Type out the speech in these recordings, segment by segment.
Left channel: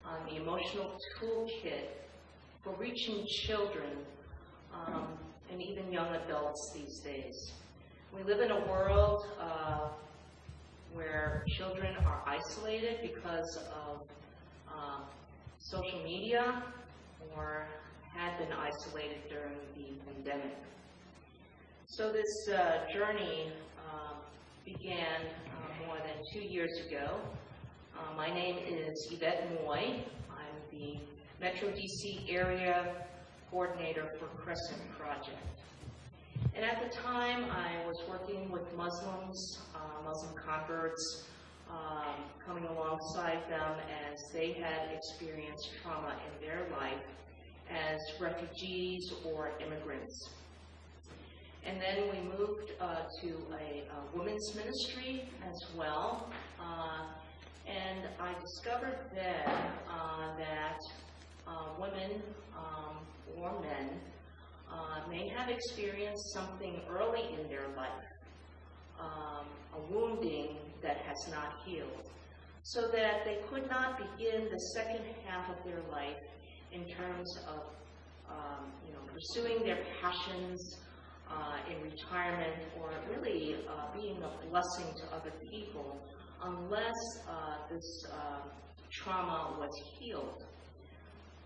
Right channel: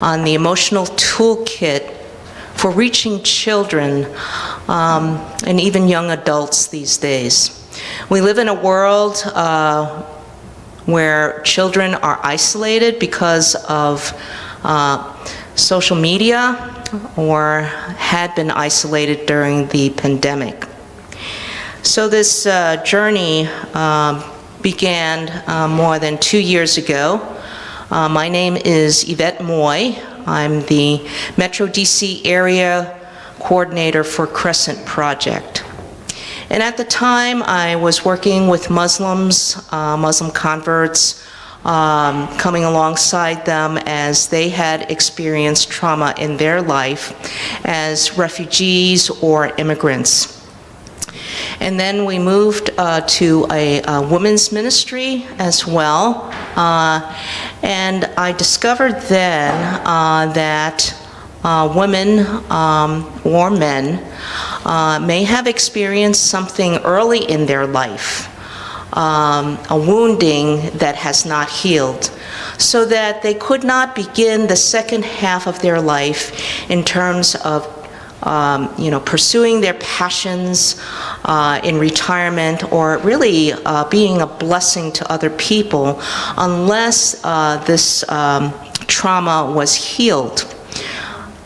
on the emotional toolkit for reaching children and even young adults these days. We live in a world where children are isolated because of social media or had been isolated during the pandemic. So this journey began more than 2 years ago. My name is Yvette Moy. I'm the Metro DC area coordinator for Crescent Project. And at the time, I was working with Muslims, Muslim converts, coming alongside them as they had experienced trauma in their life as refugees or immigrants. And then we moved to a women's ministry as well. And I discovered then that women or men may have experienced something early in their life, a wounding that has not healed, so that they could not begin the second half of their life in terms of pursuing their passions in retirement, or really being a blessing to other people, unless this trauma was healed.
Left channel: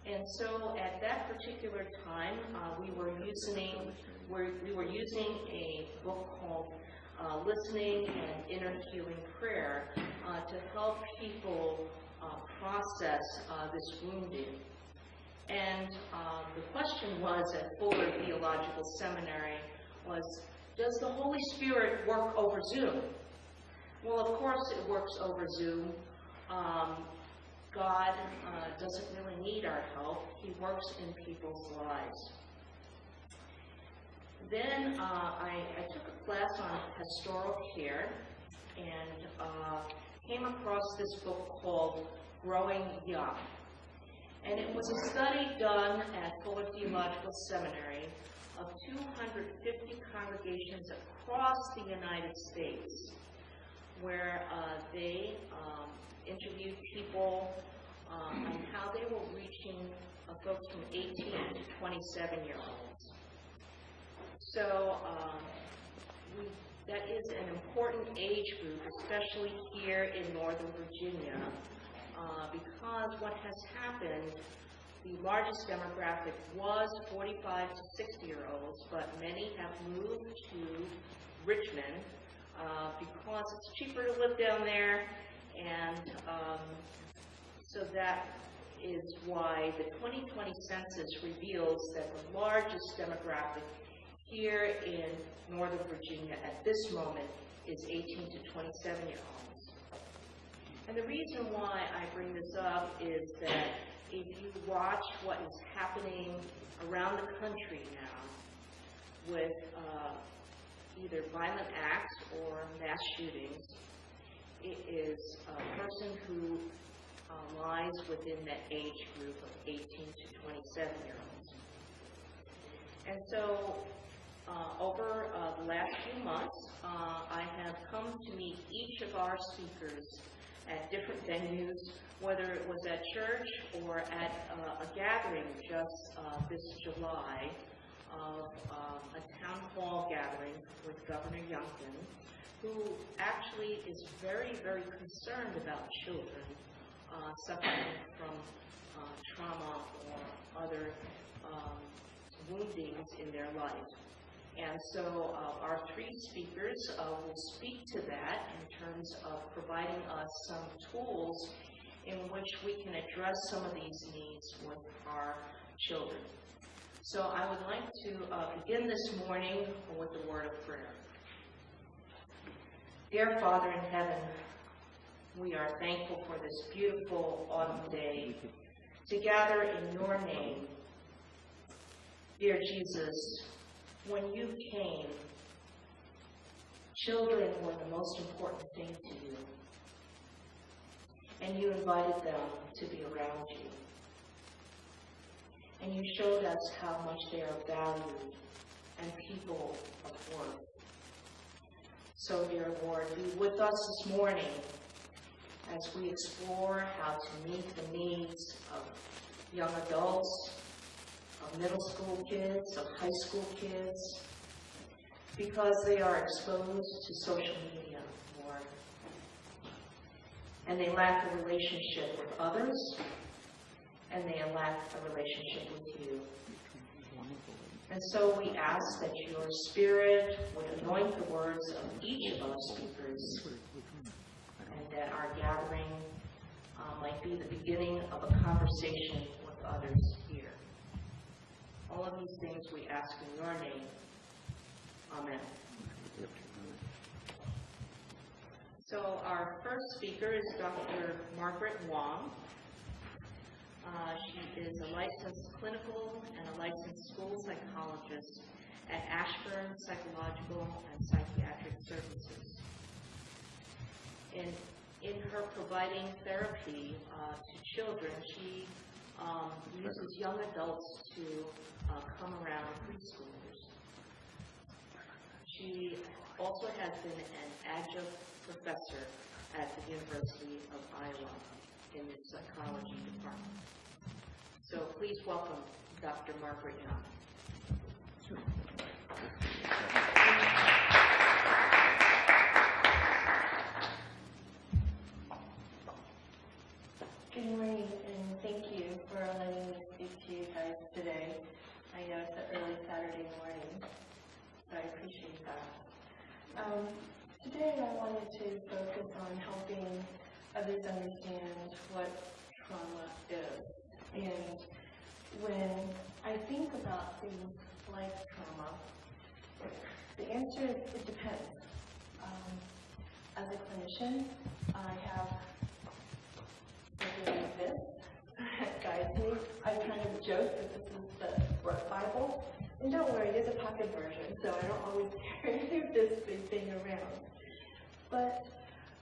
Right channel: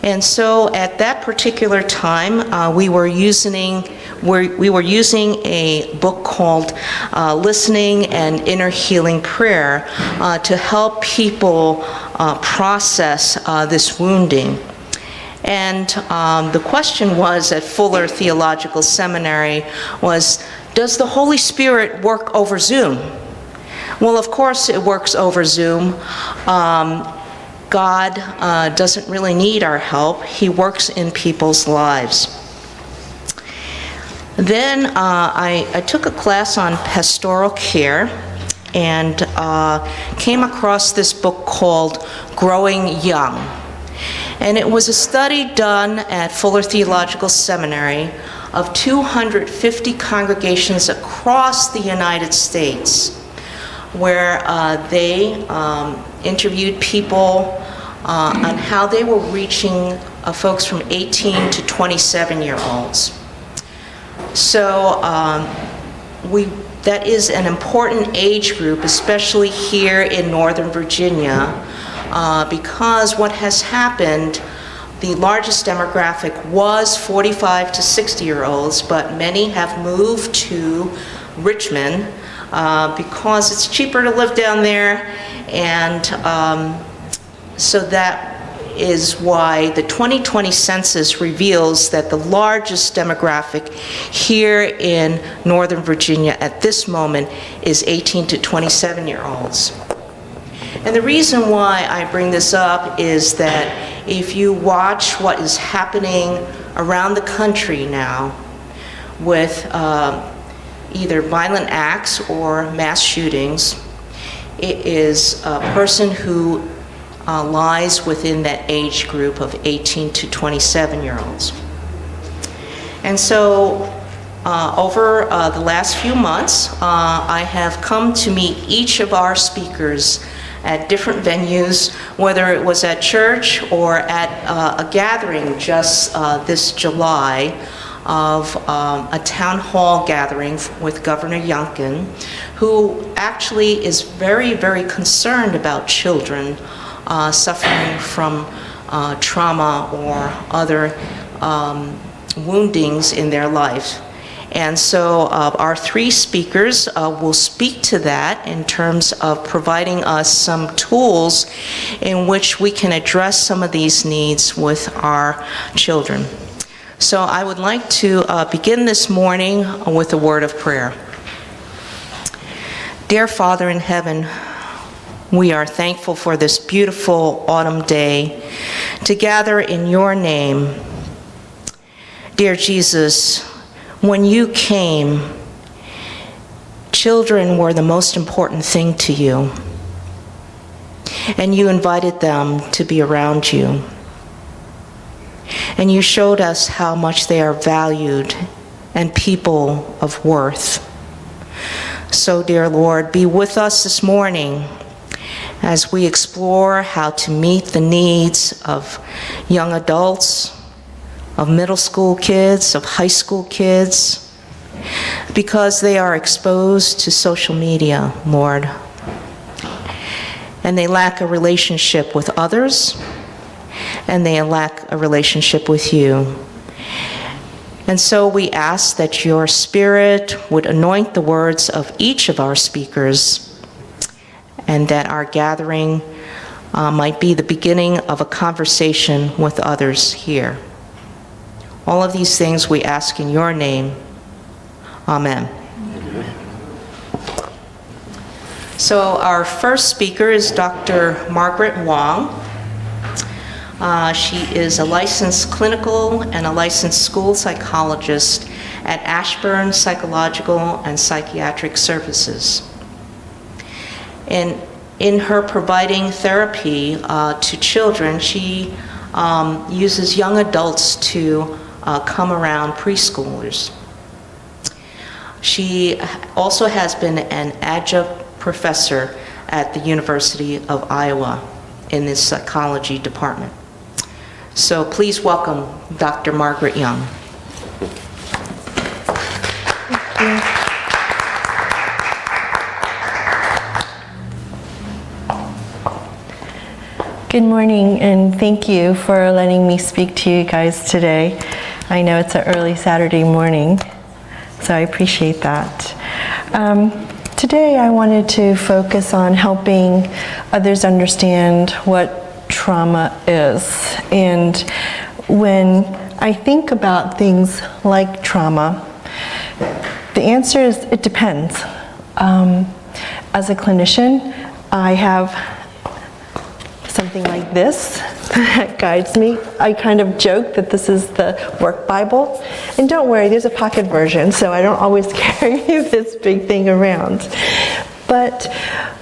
And so at that particular time, we were using a book called Listening and Inner Healing Prayer to help people process this wounding. And the question was at Fuller Theological Seminary was, does the Holy Spirit work over Zoom? Well, of course it works over Zoom. God doesn't really need our help. He works in people's lives. Then I took a class on pastoral care and came across this book called Growing Young. And it was a study done at Fuller Theological Seminary of 250 congregations across the United States, where they interviewed people on how they were reaching folks from 18 to 27-year-olds. So that is an important age group, especially here in Northern Virginia, because what has happened, the largest demographic was 45 to 60-year-olds, but many have moved to Richmond because it's cheaper to live down there, and so that is why the 2020 census reveals that the largest demographic here in Northern Virginia at this moment is 18 to 27-year-olds. And the reason why I bring this up is that if you watch what is happening around the country now with either violent acts or mass shootings, it is a person who lies within that age group of 18 to 27-year-olds. And so over the last few months, I have come to meet each of our speakers at different venues, whether it was at church or at a gathering just this July of a town hall gathering with Governor Youngkin, who actually is very, very concerned about children suffering from trauma or other woundings in their life. And so our three speakers will speak to that in terms of providing us some tools in which we can address some of these needs with our children. So I would like to begin this morning with a word of prayer. Dear Father in heaven, we are thankful for this beautiful autumn day to gather in your name. Dear Jesus, when you came, children were the most important thing to you, and you invited them to be around you. And you showed us how much they are valued and people of worth. So, dear Lord, be with us this morning as we explore how to meet the needs of young adults, of middle school kids, of high school kids, because they are exposed to social media, Lord. And they lack a relationship with others, and they lack a relationship with you. And so we ask that your Spirit would anoint the words of each of our speakers, and that our gathering might be the beginning of a conversation with others here. All of these things we ask in your name. Amen. So our first speaker is Dr. Margaret Wong. She is a licensed clinical and a licensed school psychologist at Ashburn Psychological and Psychiatric Services. And in her providing therapy to children, she uses young adults to come around preschoolers. She also has been an adjunct professor at the University of Iowa in the psychology department. So please welcome Dr. Margaret Young. Thank you. Good morning, and thank you for letting me speak to you guys today. I know it's an early Saturday morning, so I appreciate that. Today I wanted to focus on helping others understand what trauma is. And when I think about things like trauma, the answer is it depends. As a clinician, I have something like this that guides me. I kind of joke that this is the work Bible. And don't worry, there's a pocket version, so I don't always carry this big thing around. But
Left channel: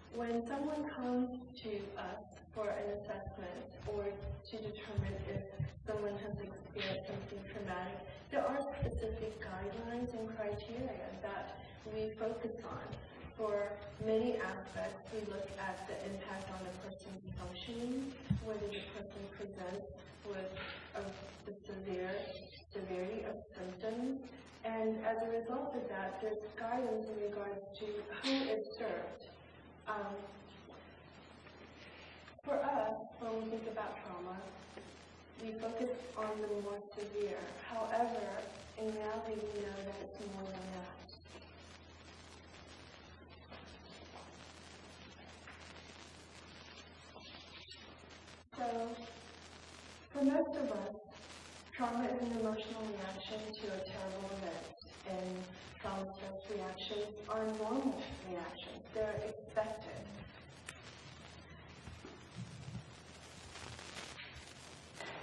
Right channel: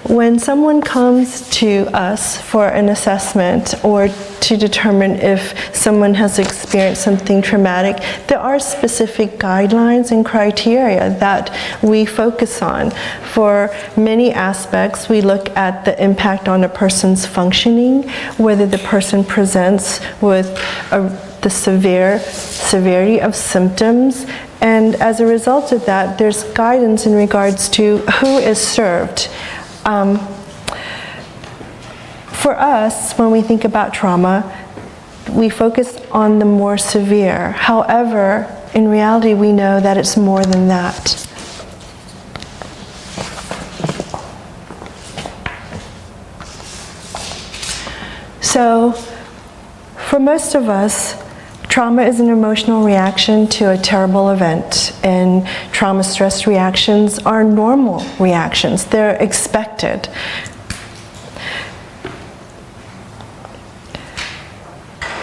when someone comes to us for an assessment or to determine if someone has experienced something traumatic, there are specific guidelines and criteria that we focus on. For many aspects, we look at the impact on a person's functioning, whether the person presents with the severity of symptoms, and as a result of that, there's guidance in regards to who is served. For us, when we think about trauma, we focus on the more severe. However, in reality, we know that it's more than that. So, for most of us, trauma is an emotional reaction to a terrible event, and trauma stress reactions are normal reactions. They're expected.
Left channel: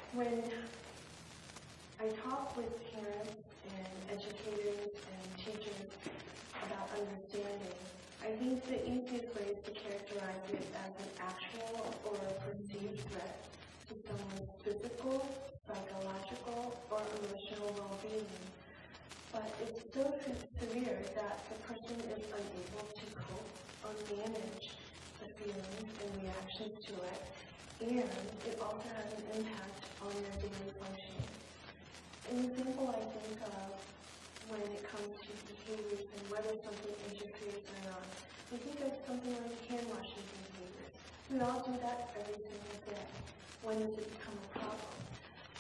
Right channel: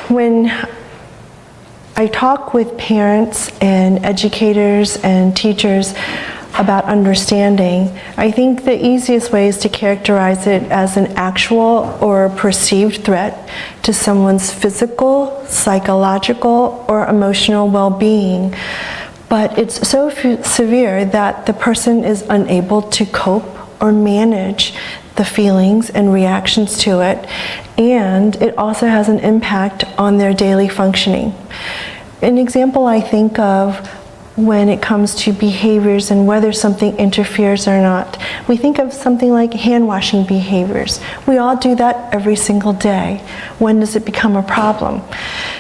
When I talk with parents and educators and teachers about understanding, I think the easiest way is to characterize it as an actual or perceived threat to someone's physical, psychological, or emotional well-being. But it's so severe that the person is unable to cope or manage the feelings and reactions to it, and it also has an impact on their daily functioning. An example I think of when it comes to behaviors and whether something interferes or not, we think of something like hand-washing behaviors. We all do that every single day. When does it become a problem?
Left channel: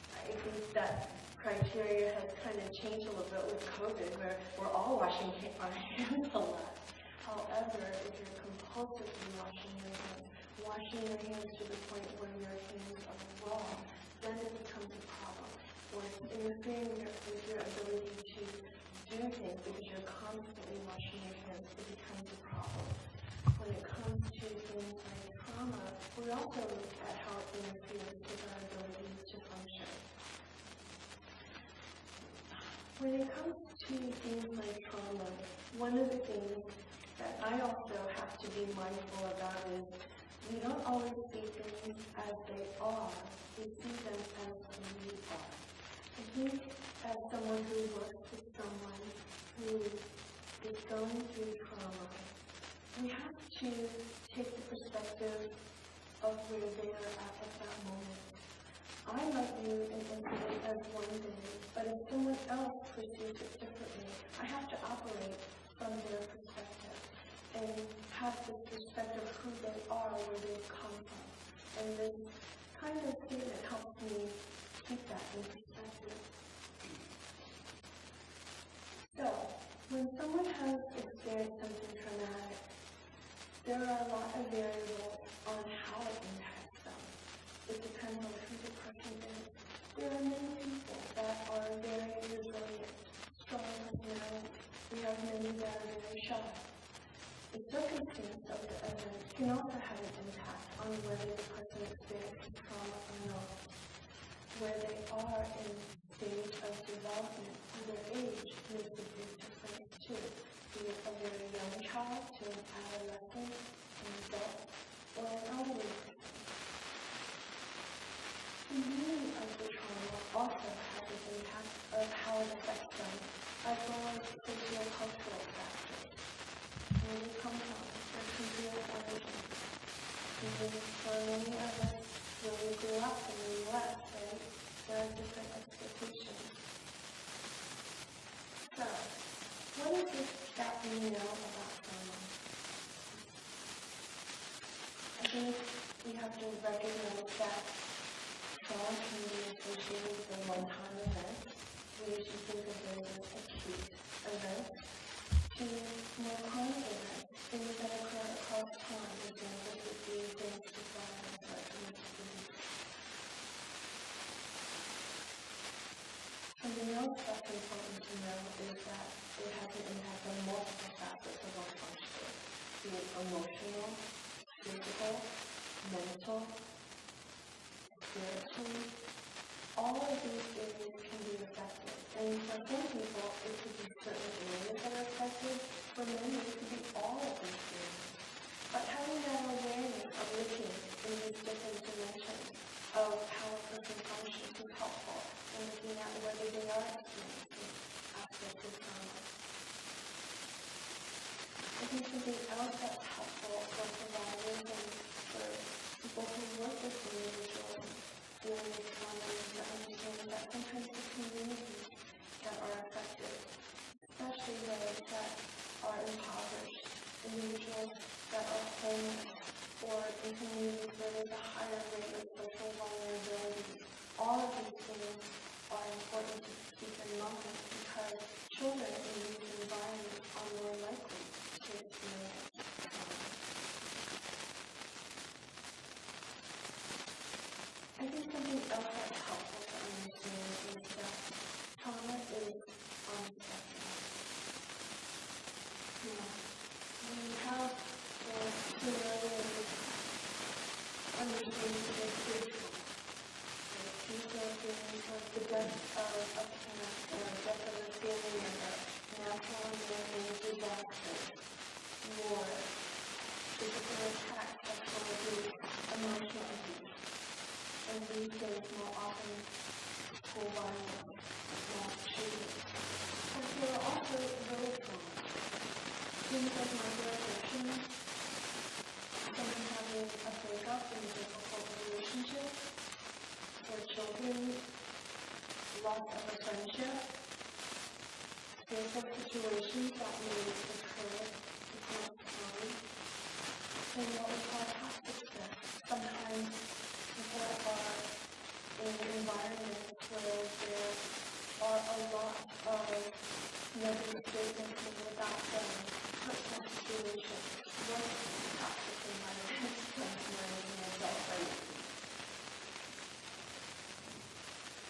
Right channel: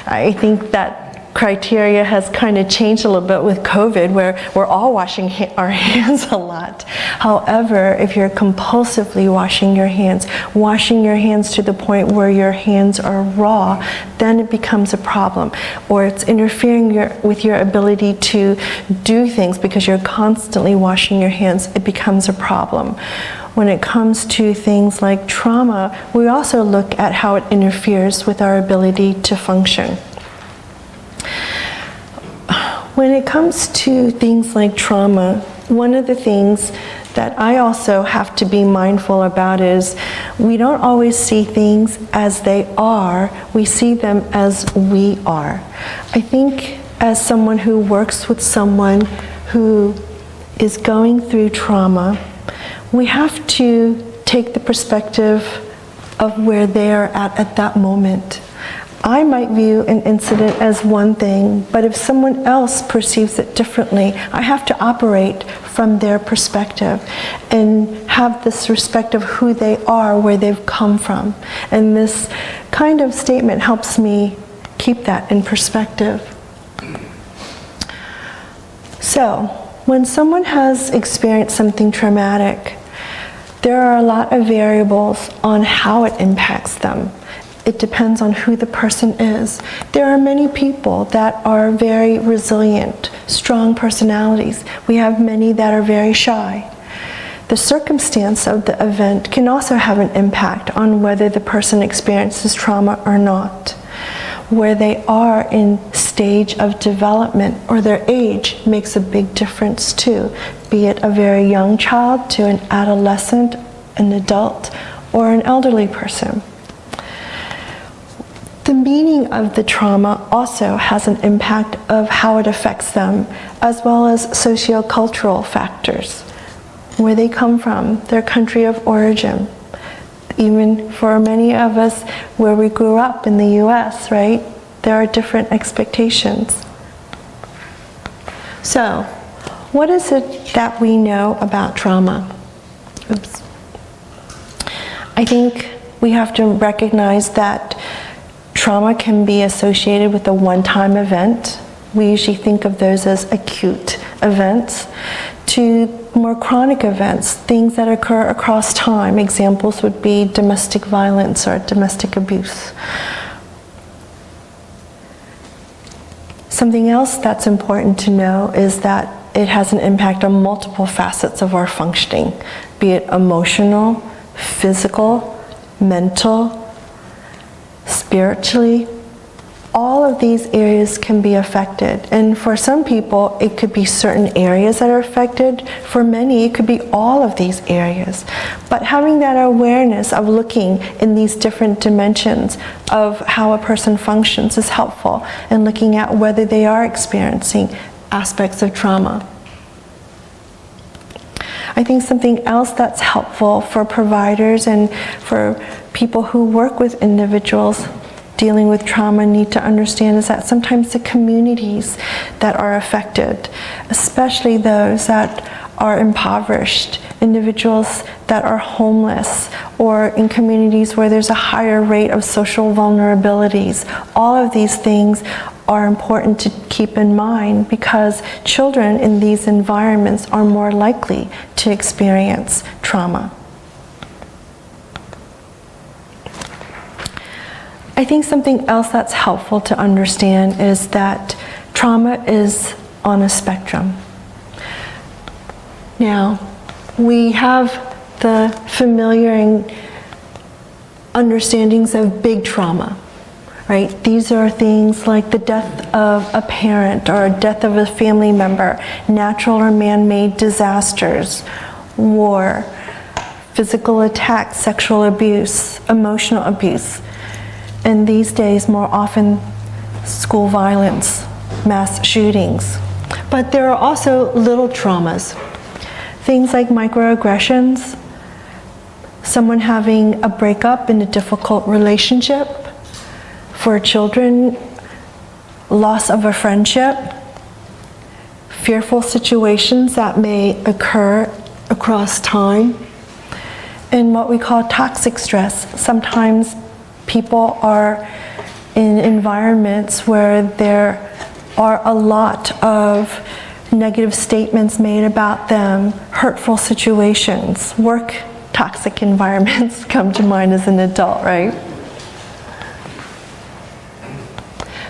I think that criteria has kind of changed a little bit with COVID, where we're all washing our hands a lot. However, if you're compulsively washing your hands to the point where your hands are raw, then it becomes a problem. Or it's interfering with your ability to do things because you're constantly washing your hands, it becomes a problem. When it comes to things like trauma, we also look at how it interferes with our ability to function. When it comes to things like trauma, one of the things that I also have to be mindful about is we don't always see things as they are, we see them as we are. I think as someone who works with someone who is going through trauma, we have to take the perspective of where they are at that moment. I might view an incident as one thing, but if someone else perceives it differently, I have to operate from their perspective and have this respect of who they are, where they've come from. And this kind of statement helps me keep that in perspective. So, when someone has experienced something traumatic, there are a lot of variables on how it impacts them. It depends on who the person is. There are many people that are very resilient, strong personalities. We have many that are very shy. The circumstance of the event can also have an impact on whether the person experiences trauma or not. Where they are in stage of development or their age makes a big difference too, be it a very young child to an adolescent, an adult, or an elderly person. The meaning of the trauma also has an impact of how it affects them, as well as sociocultural factors, where they come from, their country of origin. Even for many of us where we grew up in the US, right? There are different expectations. So, what is it that we know about trauma? Oops. I think we have to recognize that trauma can be associated with a one-time event. We usually think of those as acute events, to more chronic events, things that occur across time. Examples would be domestic violence or domestic abuse. Something else that's important to know is that it has an impact on multiple facets of our functioning, be it emotional, physical, mental, spiritually. All of these areas can be affected. And for some people, it could be certain areas that are affected. For many, it could be all of these areas. But having that awareness of looking in these different dimensions of how a person functions is helpful in looking at whether they are experiencing aspects of trauma. I think something else that's helpful for providers and for people who work with individuals dealing with trauma need to understand is that sometimes the communities that are affected, especially those that are impoverished, individuals that are homeless, or in communities where there's a higher rate of social vulnerabilities, all of these things are important to keep in mind because children in these environments are more likely to experience trauma. I think something else that's helpful to understand is that trauma is on a spectrum. Now, we have the familiar understandings of big trauma, right? These are things like the death of a parent or a death of a family member, natural or man-made disasters, war, physical attacks, sexual abuse, emotional abuse. And these days, more often, school violence, mass shootings. But there are also little traumas. Things like microaggressions, someone having a breakup in a difficult relationship. For children, loss of a friendship, fearful situations that may occur across time, and what we call toxic stress. Sometimes people are in environments where there are a lot of negative statements made about them, hurtful situations. Work toxic environments come to mind as an adult, right?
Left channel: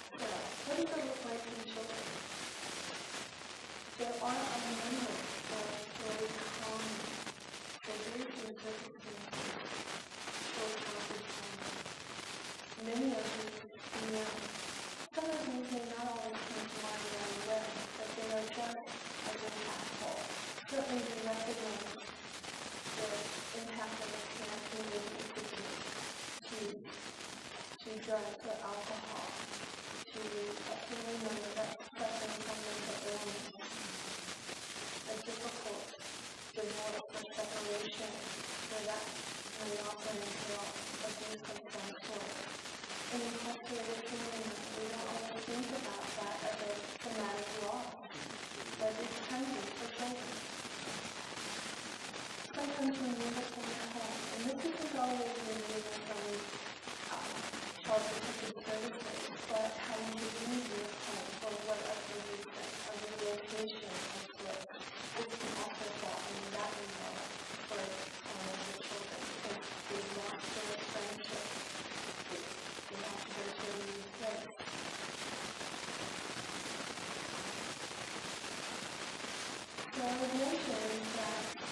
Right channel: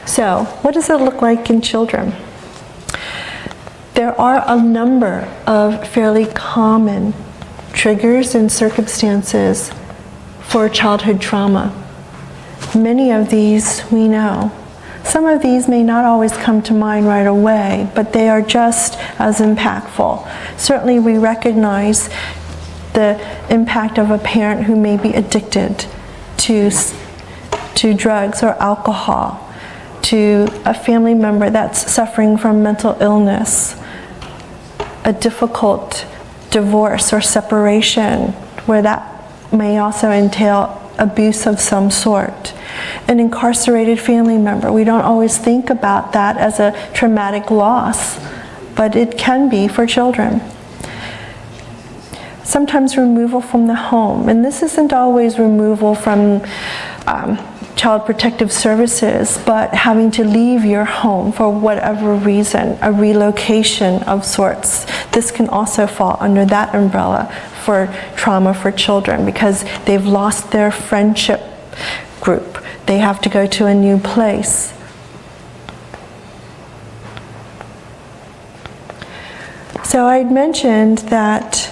So, what does it look like in children? There are a number of fairly common triggers and circumstances for childhood trauma. Many of these we know. Some of these may not always come to mind right away, but they are just as impactful. Certainly we recognize the impact of a parent who may be addicted to drugs or alcohol, to a family member that's suffering from mental illness, a difficult divorce or separation, where that may also entail abuse of some sort. An incarcerated family member, we don't always think about that as a traumatic loss, but it can be for children. Sometimes removal from the home, and this isn't always removal from Child Protective Services, but having to leave your home for whatever reason, a relocation of sorts. This can also fall under that umbrella for trauma for children because they've lost their friendship group. They have to go to a new place. So I'd mentioned that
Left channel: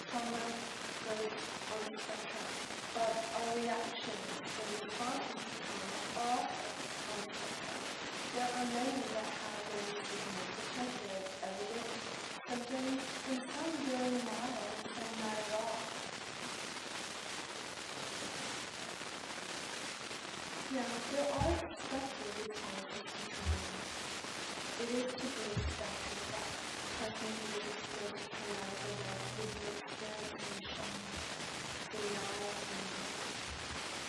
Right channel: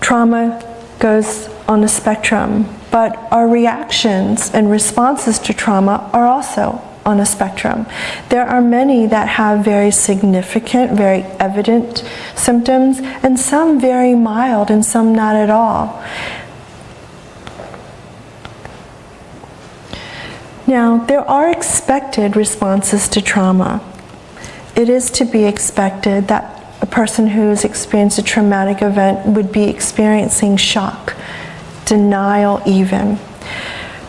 trauma goes on a spectrum, but our reactions and responses to trauma are also on a spectrum. There are many that have very significant, very evident symptoms, and some very mild and some not at all. Now, there are expected responses to trauma. It is to be expected that a person who's experienced a traumatic event would be experiencing shock, denial even,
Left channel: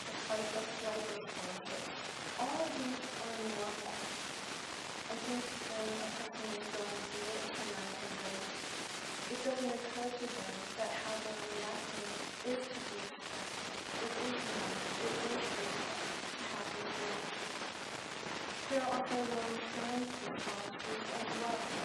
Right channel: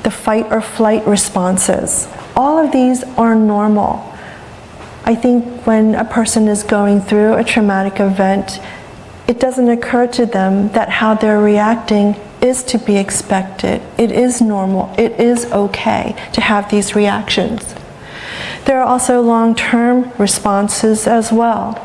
the fight or flight responses. All of these are normal. I think when a person is going through a traumatic event, it doesn't occur to them that how they're reacting is to be expected. It is normal. It is okay to have these reactions. There are also long-term responses as well.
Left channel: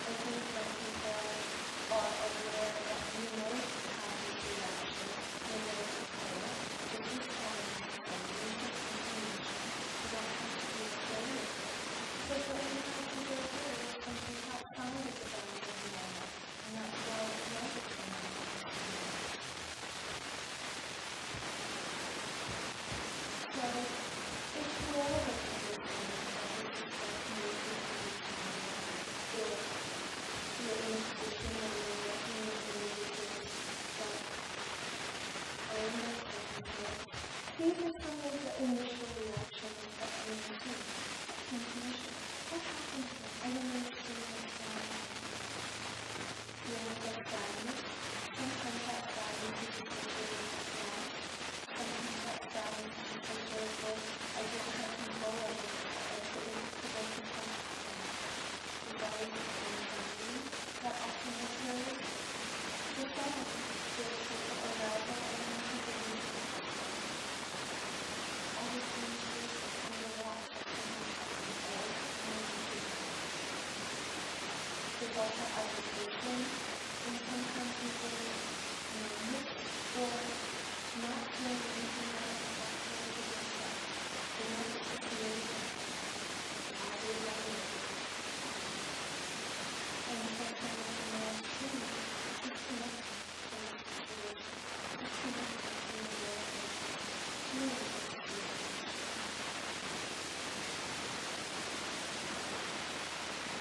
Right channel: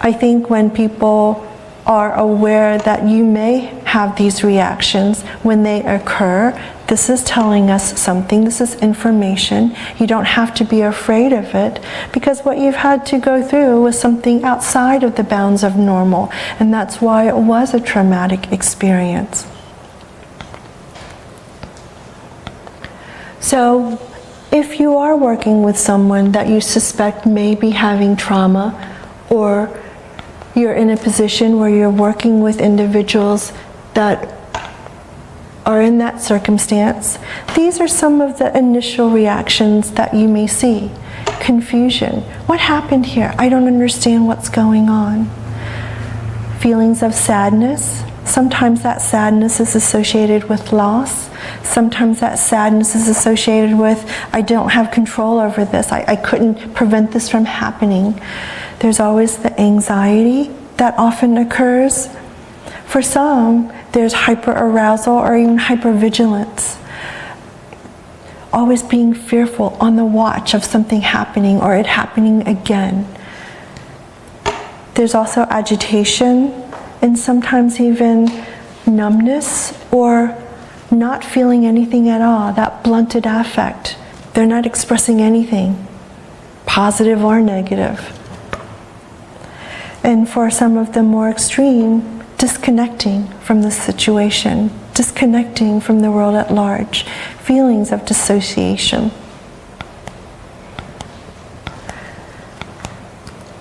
I think when people are aware that you may have these reactions when they occur, this is telling us something, this is information. You don't have to be afraid of it because what you've had to go through was something outside of the bounds of normal, and that's why it was a traumatic experience. So, if you are working with someone that you suspect may be having trauma, or you're in a position where you're working with individuals that are in that circumstance, these are some of the initial reactions that you may see. Confusion. What happened here? I don't understand what's going on. Feelings of sadness. Sometimes that sadness is associated with loss. Sometimes that sadness is associated with, I don't have control over this. I couldn't prevent this from happening. There's always the anxiety that often occurs. For some, there's hyperarousal or even hypervigilance. Always being fearful, on the watch of something happening or it happening again. There's also agitation and sometimes even numbness or not feeling anything at all, that blunted affect. They're not expressing anything, positive or negative. And for some of the more extreme, disconnecting from the situation, disconnecting from the world at large, feelings of dissociation.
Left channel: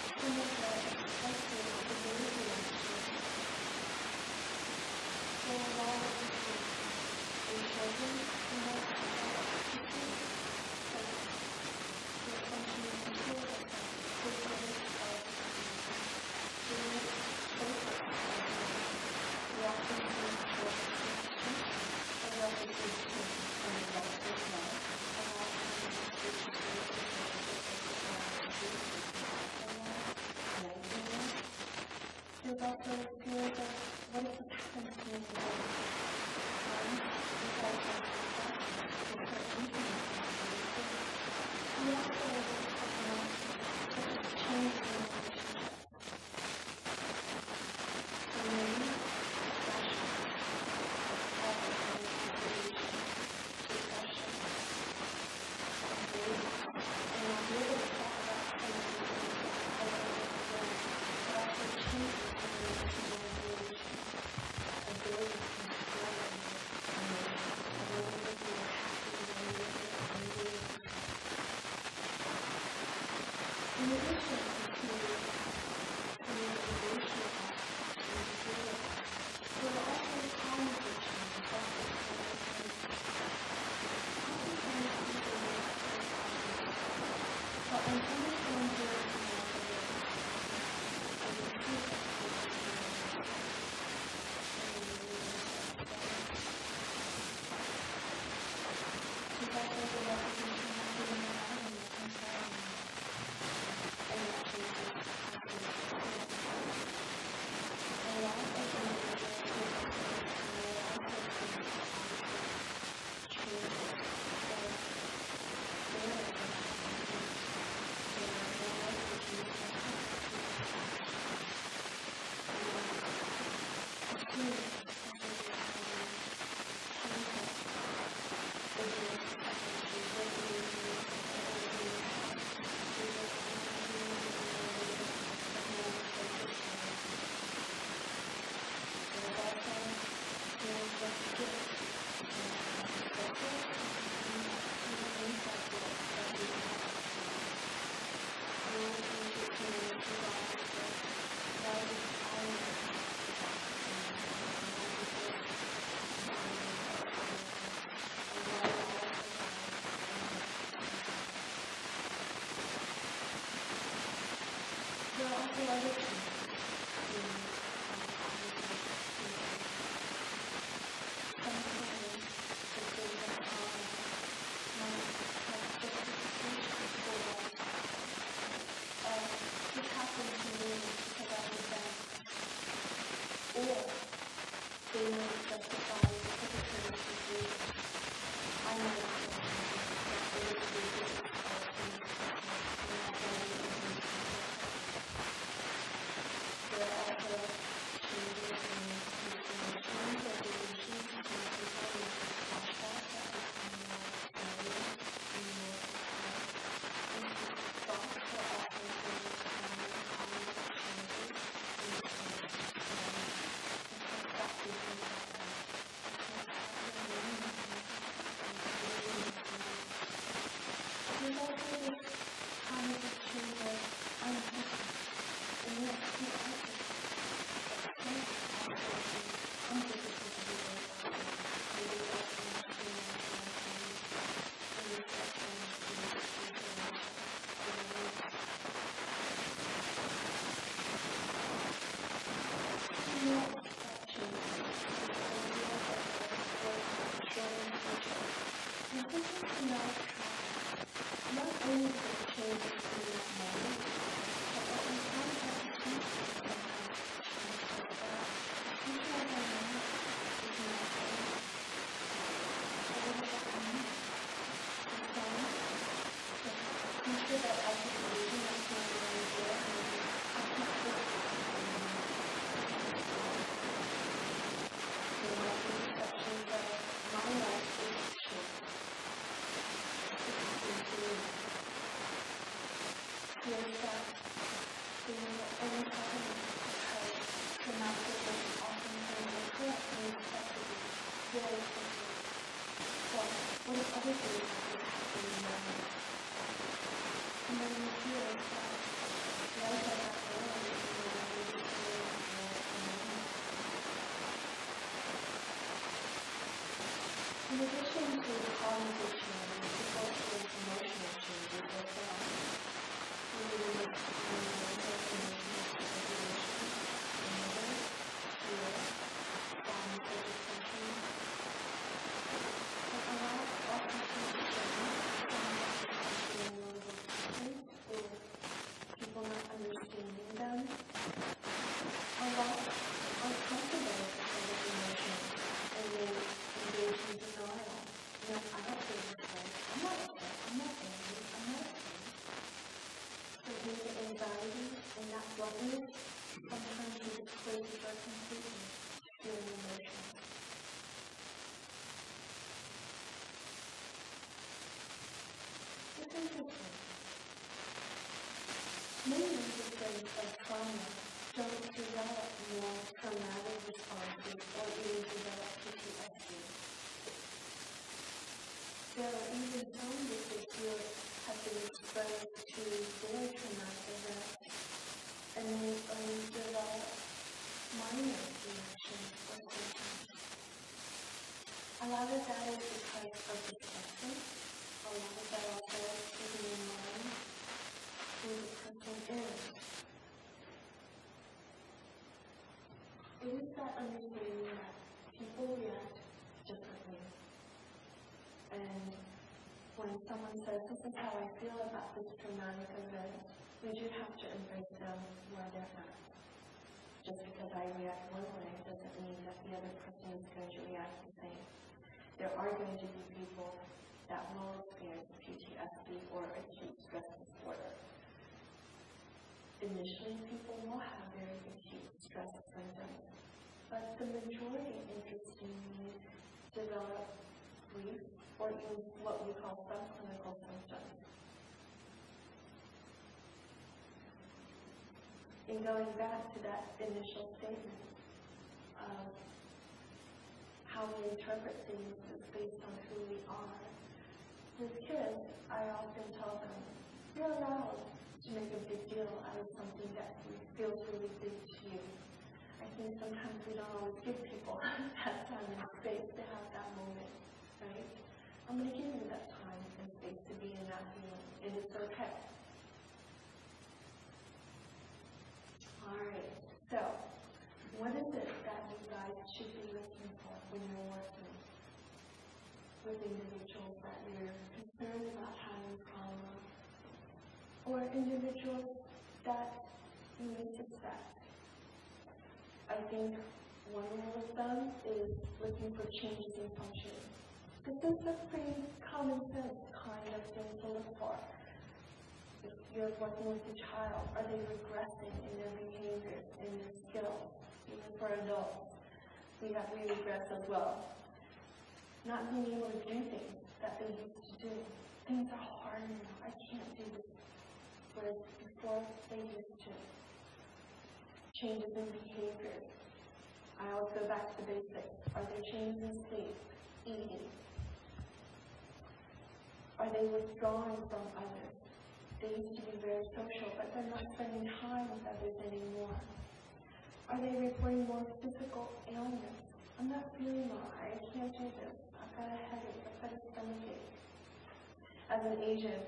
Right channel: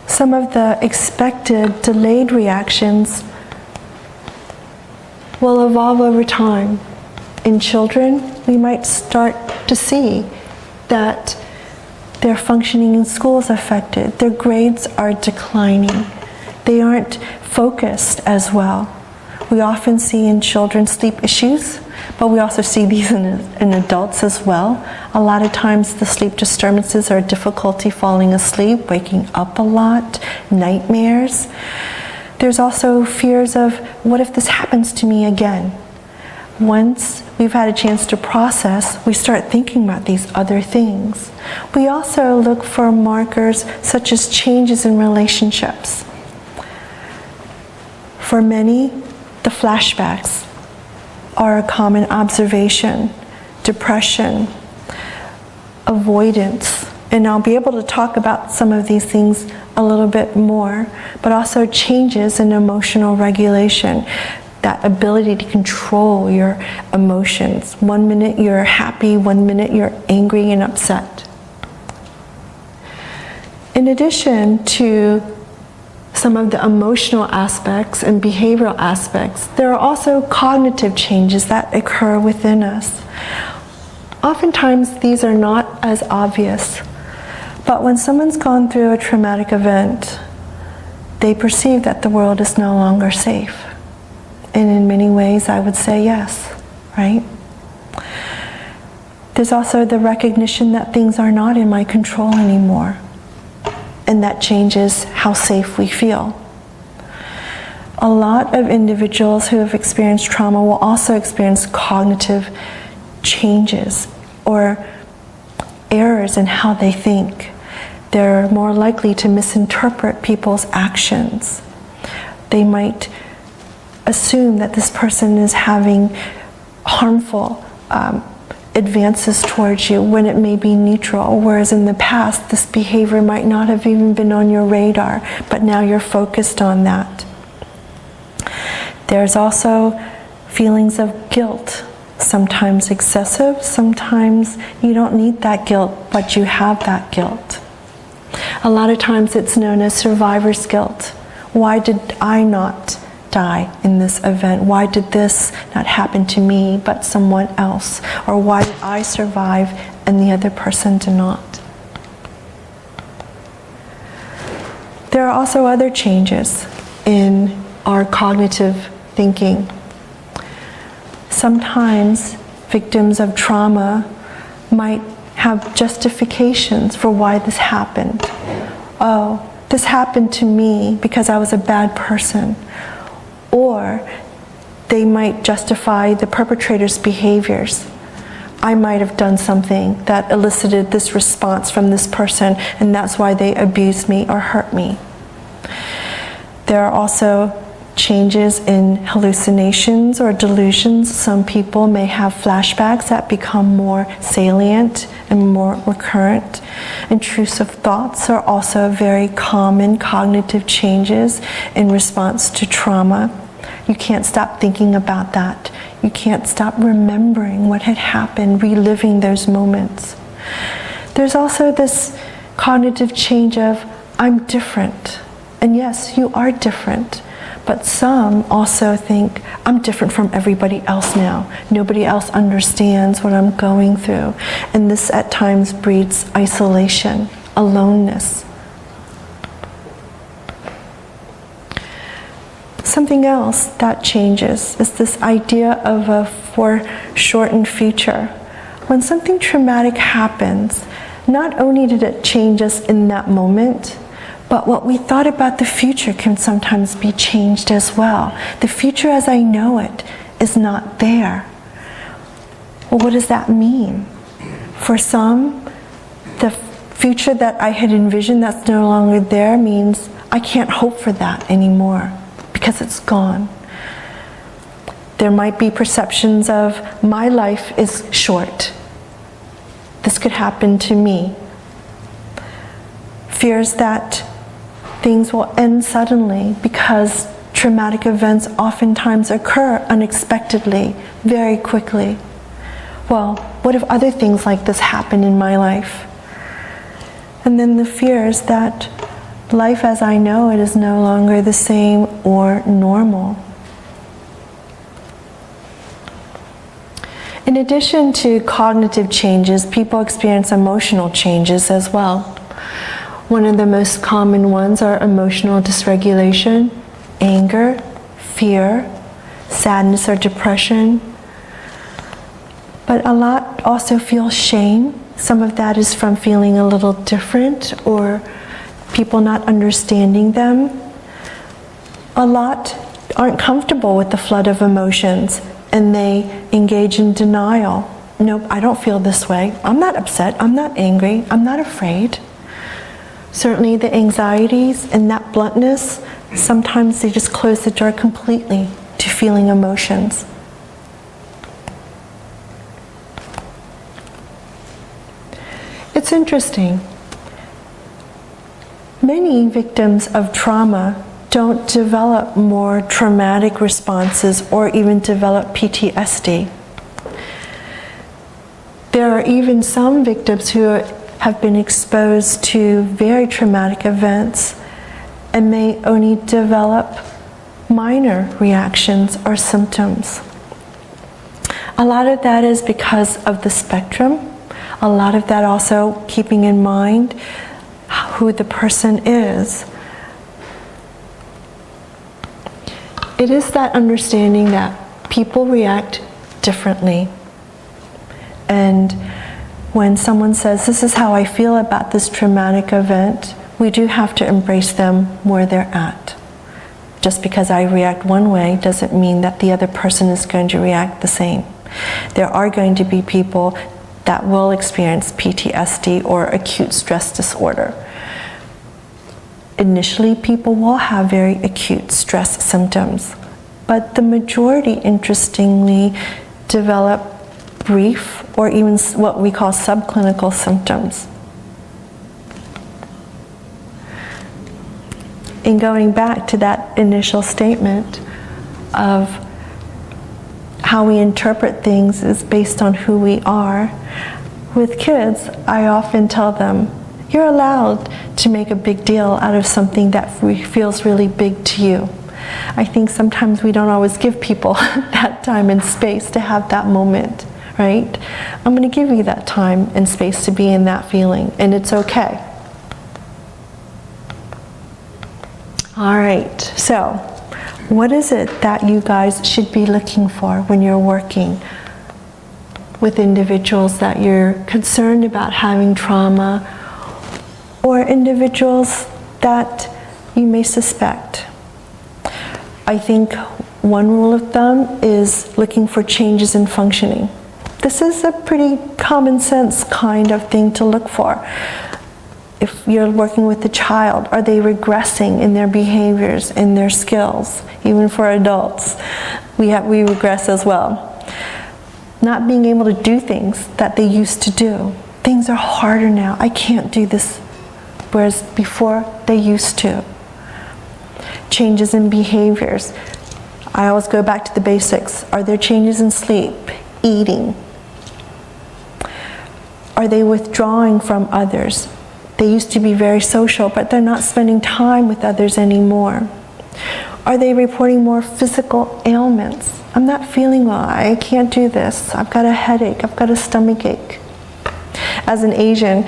Some of the expected delayed reactions will evolve over time. In children, we might start to see that their functioning in school is affected, their grades are declining, they aren't focused as well. We often see in children sleep issues, but we also see these in adults as well. A lot of times the sleep disturbances are difficulty falling asleep, waking up a lot, nightmares. There's also fears of, what if this happens to me again? Once we've had a chance to process, we start thinking about these other things. We also look for markers such as changes in relationships. For many, the flashbacks are a common observation, depression, avoidance, and I'll be able to talk about some of these things a little bit more, but also changes in emotional regulation, that ability to control your emotions. 1 minute you're happy, 1 minute you're angry and upset. In addition to some of the emotional aspects and behavioral aspects, there are also cognitive changes that occur within us. Oftentimes these are not as obvious, but when someone's gone through a traumatic event, they perceive that the world is no longer safe. And in many ways I would say yes, right? There's also the recognition that things are not in my control anymore, and that changes how safe we feel. A lot of individuals who have experienced trauma will also experience cognitive changes or errors in how they think. They're more likely to misinterpret people's actions. They might assume that this person is having harmful advances towards you when it may be neutral, whereas in the past this behavior might not have even been on your radar, but now you're focused on that. There's also feelings of guilt, sometimes excessive, sometimes you don't need that guilt, but you have that guilt. A lot of times it's known as survivor's guilt. Why did I not die in this event? Why did this not happen to me but someone else? Or why did I survive and the other person did not? There are also other changes in our cognitive thinking. Sometimes victims of trauma might have justifications for why this happened. Oh, this happened to me because I was a bad person. Or they might justify the perpetrator's behaviors. I might have done something that elicited this response from this person, and that's why they abused me or hurt me. There are also changes in hallucinations or delusions. Some people may have flashbacks that become more salient and more recurrent. Intrusive thoughts are also very common cognitive changes in response to trauma. You can't stop thinking about that. You can't stop remembering what had happened, reliving those moments. There's also this cognitive change of, I'm different. And yes, you are different. But some also think, I'm different from everybody else now. Nobody else understands what I'm going through. And this at times breeds isolation, aloneness. Something else that changes is this idea of a foreshortened future. When something traumatic happens, not only did it change us in that moment, but what we thought about the future can sometimes be changed as well. The future as I know it is not there. Well, what does that mean? For some, the future that I had envisioned that's no longer there means I can't hope for that anymore because it's gone. There might be perceptions of my life is short. This could happen to me. Fears that things will end suddenly because traumatic events oftentimes occur unexpectedly, very quickly. Well, what if other things like this happen in my life? And then the fears that life as I know it is no longer the same or normal. In addition to cognitive changes, people experience emotional changes as well. One of the most common ones are emotional dysregulation, anger, fear, sadness or depression. But a lot also feel shame. Some of that is from feeling a little different or people not understanding them. A lot aren't comfortable with the flood of emotions and they engage in denial. Nope, I don't feel this way. I'm not upset. I'm not angry. I'm not afraid. Certainly the anxieties and that bluntness, sometimes they just close the door completely to feeling emotions. It's interesting. Many victims of trauma don't develop more traumatic responses or even develop PTSD. There are even some victims who have been exposed to very traumatic events and may only develop minor reactions or symptoms. A lot of that is because of the spectrum. A lot of that also keeping in mind who the person is. It is that understanding that people react differently. And when someone says, this is how I feel about this traumatic event, we do have to embrace them where they're at. Just because I react one way doesn't mean that the other person is going to react the same. There are going to be people that will experience PTSD or acute stress disorder. Initially, people will have very acute stress symptoms, but the majority, interestingly, develop brief or even what we call subclinical symptoms. In going back to that initial statement of how we interpret things is based on who we are, with kids, I often tell them, you're allowed to make a big deal out of something that feels really big to you. I think sometimes we don't always give people that time and space to have that moment, right? I'm going to give you that time and space to be in that feeling, and it's okay. All right, so what is it that you guys should be looking for when you're working with individuals that you're concerned about having trauma, or individuals that you may suspect? I think one rule of thumb is looking for changes in functioning. This is a pretty common sense kind of thing to look for. If you're working with a child, are they regressing in their behaviors, in their skills? Even for adults, we regress as well. Not being able to do things that they used to do. Things are harder now. I can't do this, whereas before they used to. Changes in behaviors. I always go back to the basics. Are there changes in sleep, eating? Are they withdrawing from others? They used to be very social, but they're not spending time with others anymore. Are they reporting more physical ailments? I'm not feeling well. I can't do this. I've got a headache. I've got a stomach ache. As an Asian,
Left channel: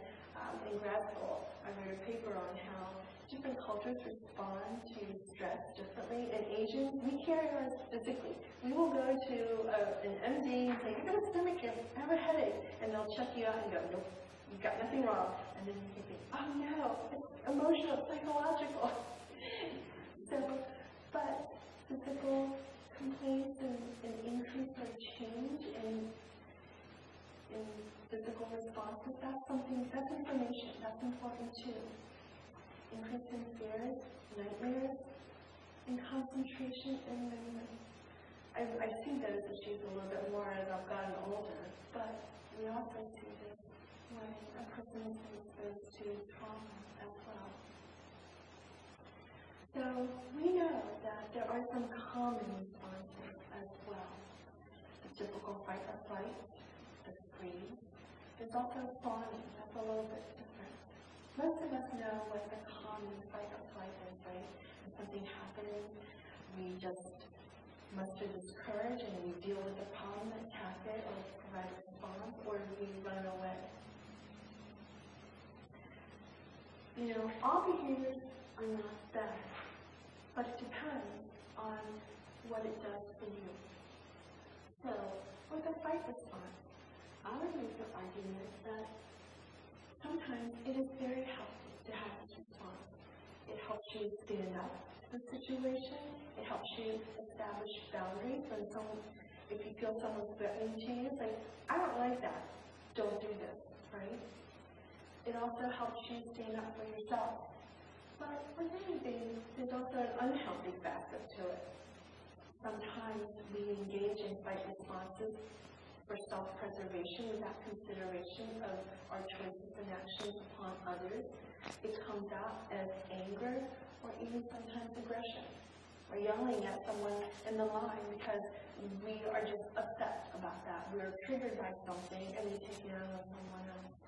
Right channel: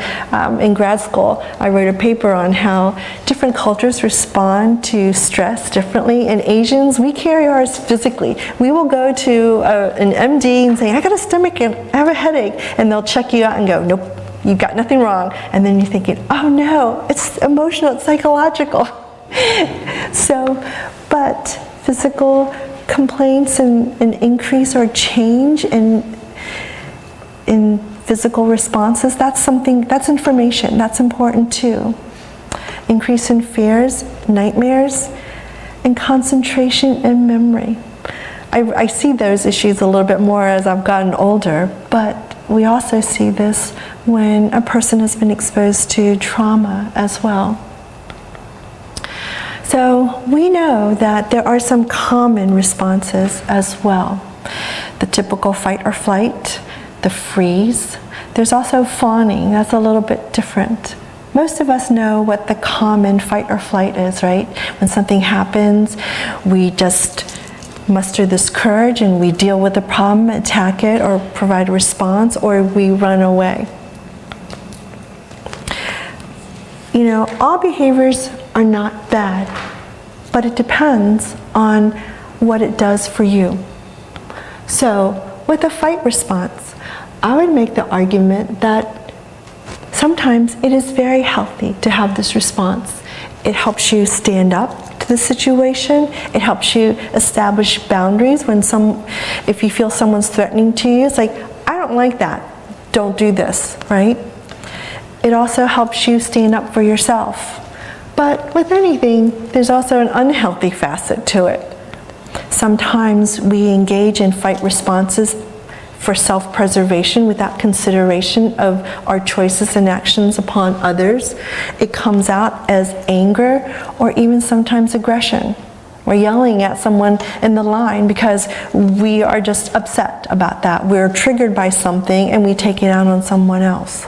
in grad school, I wrote a paper on how different cultures respond to stress differently. And Asians, we carry ours physically. We will go to an MD and say, I got a stomach ache, I have a headache. And they'll check you out and go, nope, you've got nothing wrong. And then you're thinking, oh no, it's emotional, it's psychological. But physical complaints and an increase or change in physical responses, that's information, that's important too. Increase in fears, nightmares, and concentration and memory. I see those issues a little bit more as I've gotten older, but we also see this when a person has been exposed to trauma as well. So we know that there are some common responses as well. The typical fight or flight, the freeze. There's also fawning. That's a little bit different. Most of us know what the common fight or flight is, right? When something happens, we just muster this courage and we deal with the problem, attack it, or provide a response, or we run away. You know, all behaviors are not bad, but it depends on what it does for you. So, with a fight response, I would make the argument that sometimes it is very healthy to have this response. It helps you stand up to the situation. It helps you establish boundaries if you feel someone's threatening to you. It's like, I don't like that. Don't do this, right? It also helps you stand up for yourself. But with anything, there's also an unhealthy facet to it. Sometimes we engage in fight responses for self-preservation without consideration of our choices and actions upon others. It comes out as anger or even sometimes aggression. We're yelling at someone in the line because we are just upset about that. We're triggered by something and we take it out on someone else.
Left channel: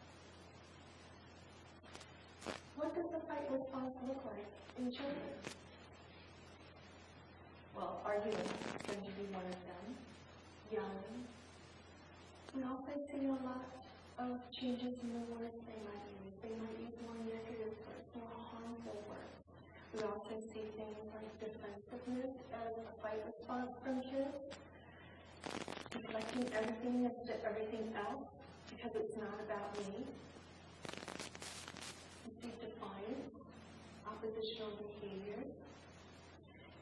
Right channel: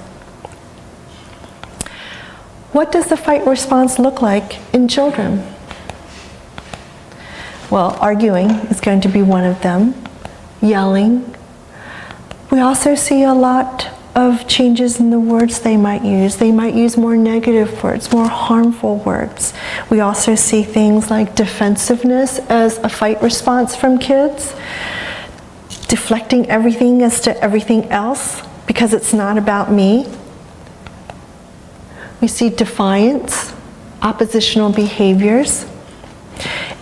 What does the fight response look like in children? Well, arguing is going to be one of them. Yelling. We also see a lot of changes in the words they might use. They might use more negative words, more harmful words. We also see things like defensiveness as a fight response from kids, deflecting everything as to everything else. because it's not about me. We see defiance, oppositional behaviors,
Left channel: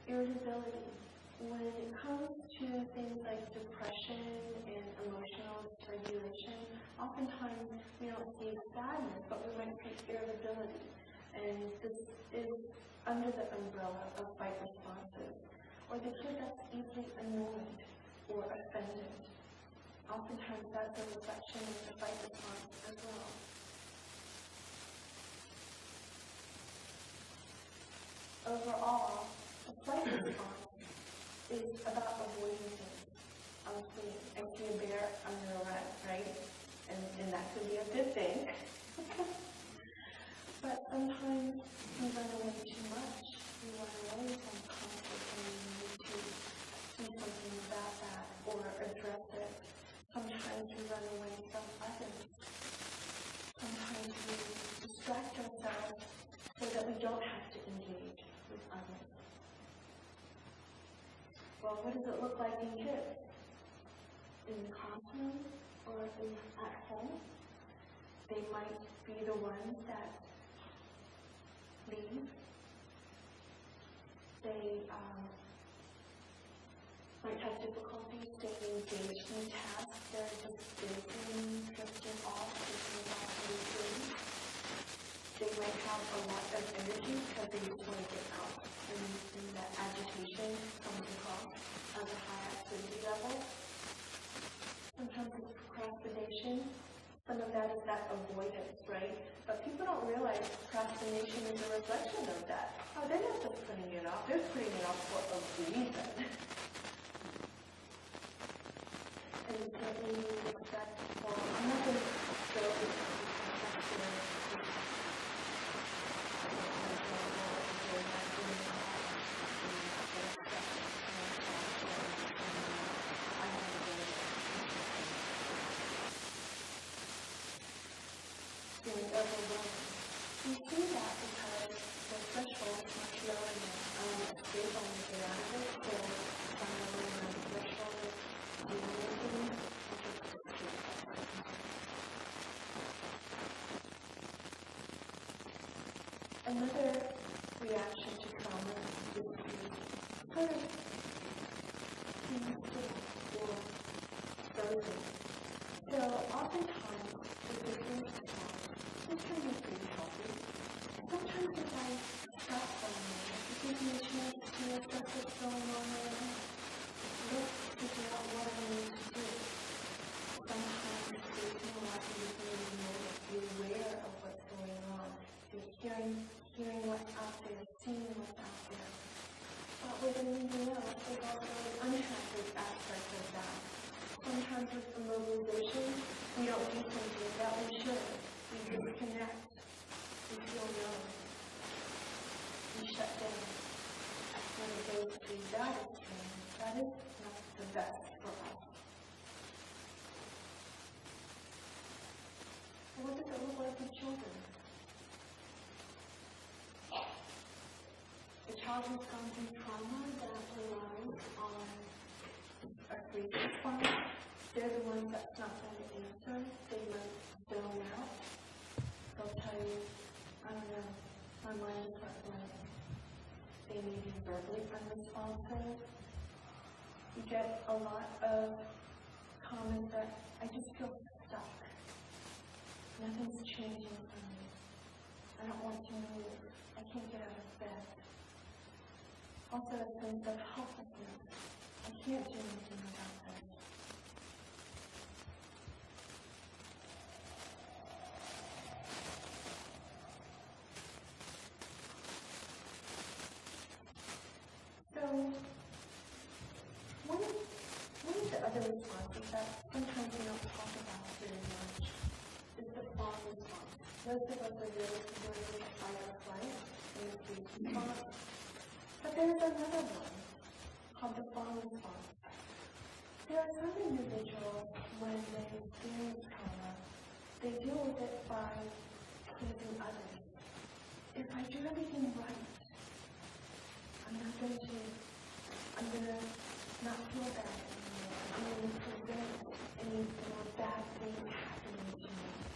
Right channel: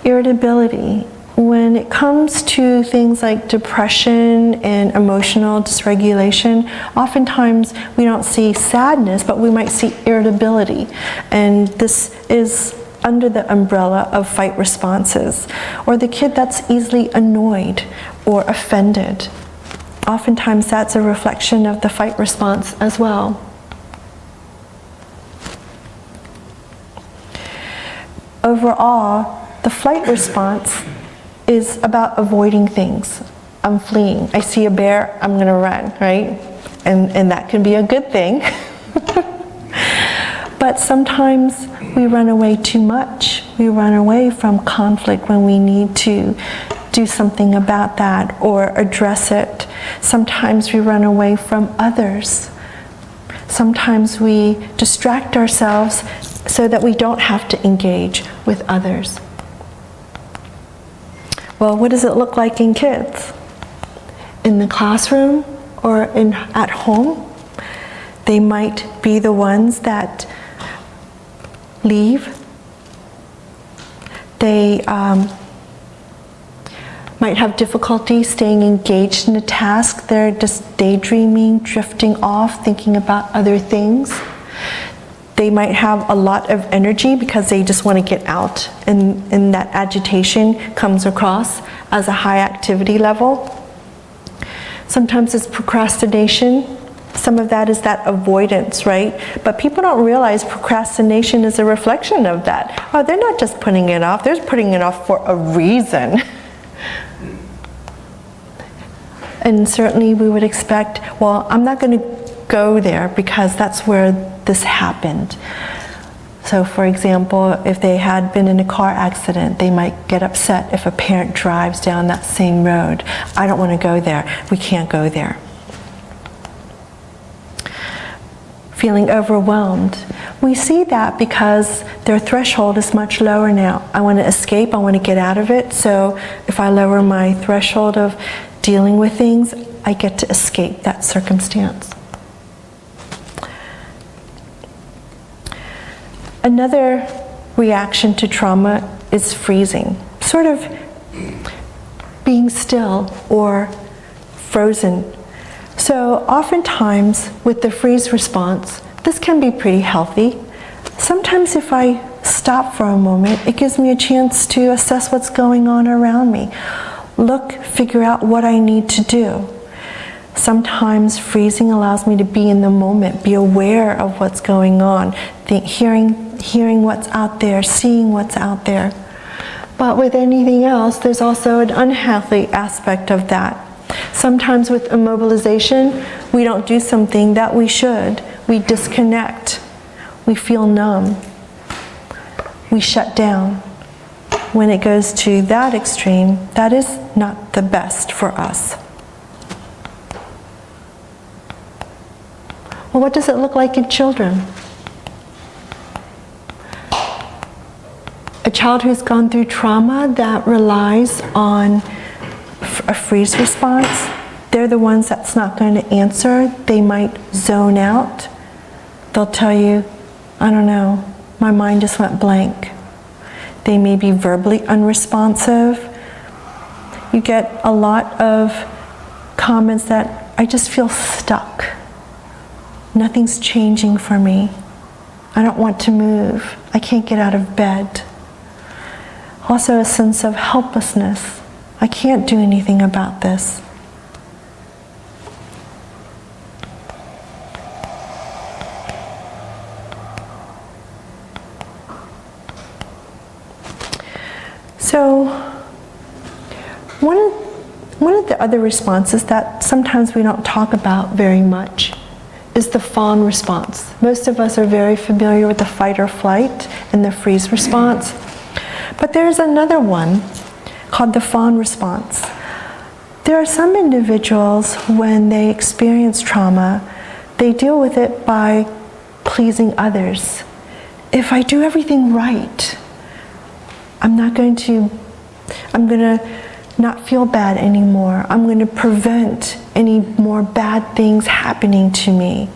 irritability. When it comes to things like depression and emotional dysregulation, oftentimes we don't see sadness, but we might see irritability. And this is under the umbrella of fight responses. Or the kid that's easily annoyed or offended. Oftentimes that's a reflection of the fight response as well. Overall, the flight response is about avoiding things. I'm fleeing. I see a bear, I'm going to run, right? And that can be a good thing. But sometimes we run away too much. We run away from conflict when we need to do something about that or address it. Sometimes we run away from others. Sometimes we distract ourselves so that we don't have to engage with others. Well, what does it look like in kids? In the classroom or at home? They might be the ones that leave. They might have difficulty staying engaged in a task. They're just daydreaming, drifting off, thinking about other things. They might have a lot of energy because they just want to get out, and that agitation comes across as a high activity level. Sometimes it's procrastination. Some of that is that avoidance, right? But people don't realize procrastination is a reflection of that. Oh, they're not just putting it off, they're putting it off for a reason. And certainly we would expect, well, I'm not going to go there because that's where this happened. So for example, if they had been in a car accident, they might get upset if a parent drives down that same road. I don't want to go there. We can't go there. Feeling overwhelmed. We see that because their threshold is much lower now. I want to escape, I want to get out of it. So if I lower my threshold of dealing with things, I get to escape that circumstance. Another reaction to trauma is freezing, sort of being still or frozen. So oftentimes with the freeze response, this can be pretty healthy. Sometimes if I stop for a moment, it gives me a chance to assess what's going on around me. Look, figure out what I need to do. Sometimes freezing allows me to be in the moment, be aware of what's going on, hearing what's out there, seeing what's out there. But with anything else, there's also an unhealthy aspect of that. Sometimes with immobilization, we don't do something that we should. We disconnect. We feel numb. We shut down. When it goes to that extreme, that is not the best for us. Well, what does it look like in children? A child who's gone through trauma that relies on a freeze response, they're the ones that's not going to answer. They might zone out. They'll tell you, I don't know, my mind just went blank. They may be verbally unresponsive. You get a lot of comments that, I just feel stuck. Nothing's changing for me. I don't want to move. I can't get out of bed. Also a sense of helplessness. I can't do anything about this. So one of the other responses that sometimes we don't talk about very much is the fawn response. Most of us are very familiar with the fight or flight and the freeze response. But there's another one called the fawn response. There are some individuals, when they experience trauma, they deal with it by pleasing others. If I do everything right, I'm going to not feel bad anymore. I'm going to prevent any more bad things happening to me.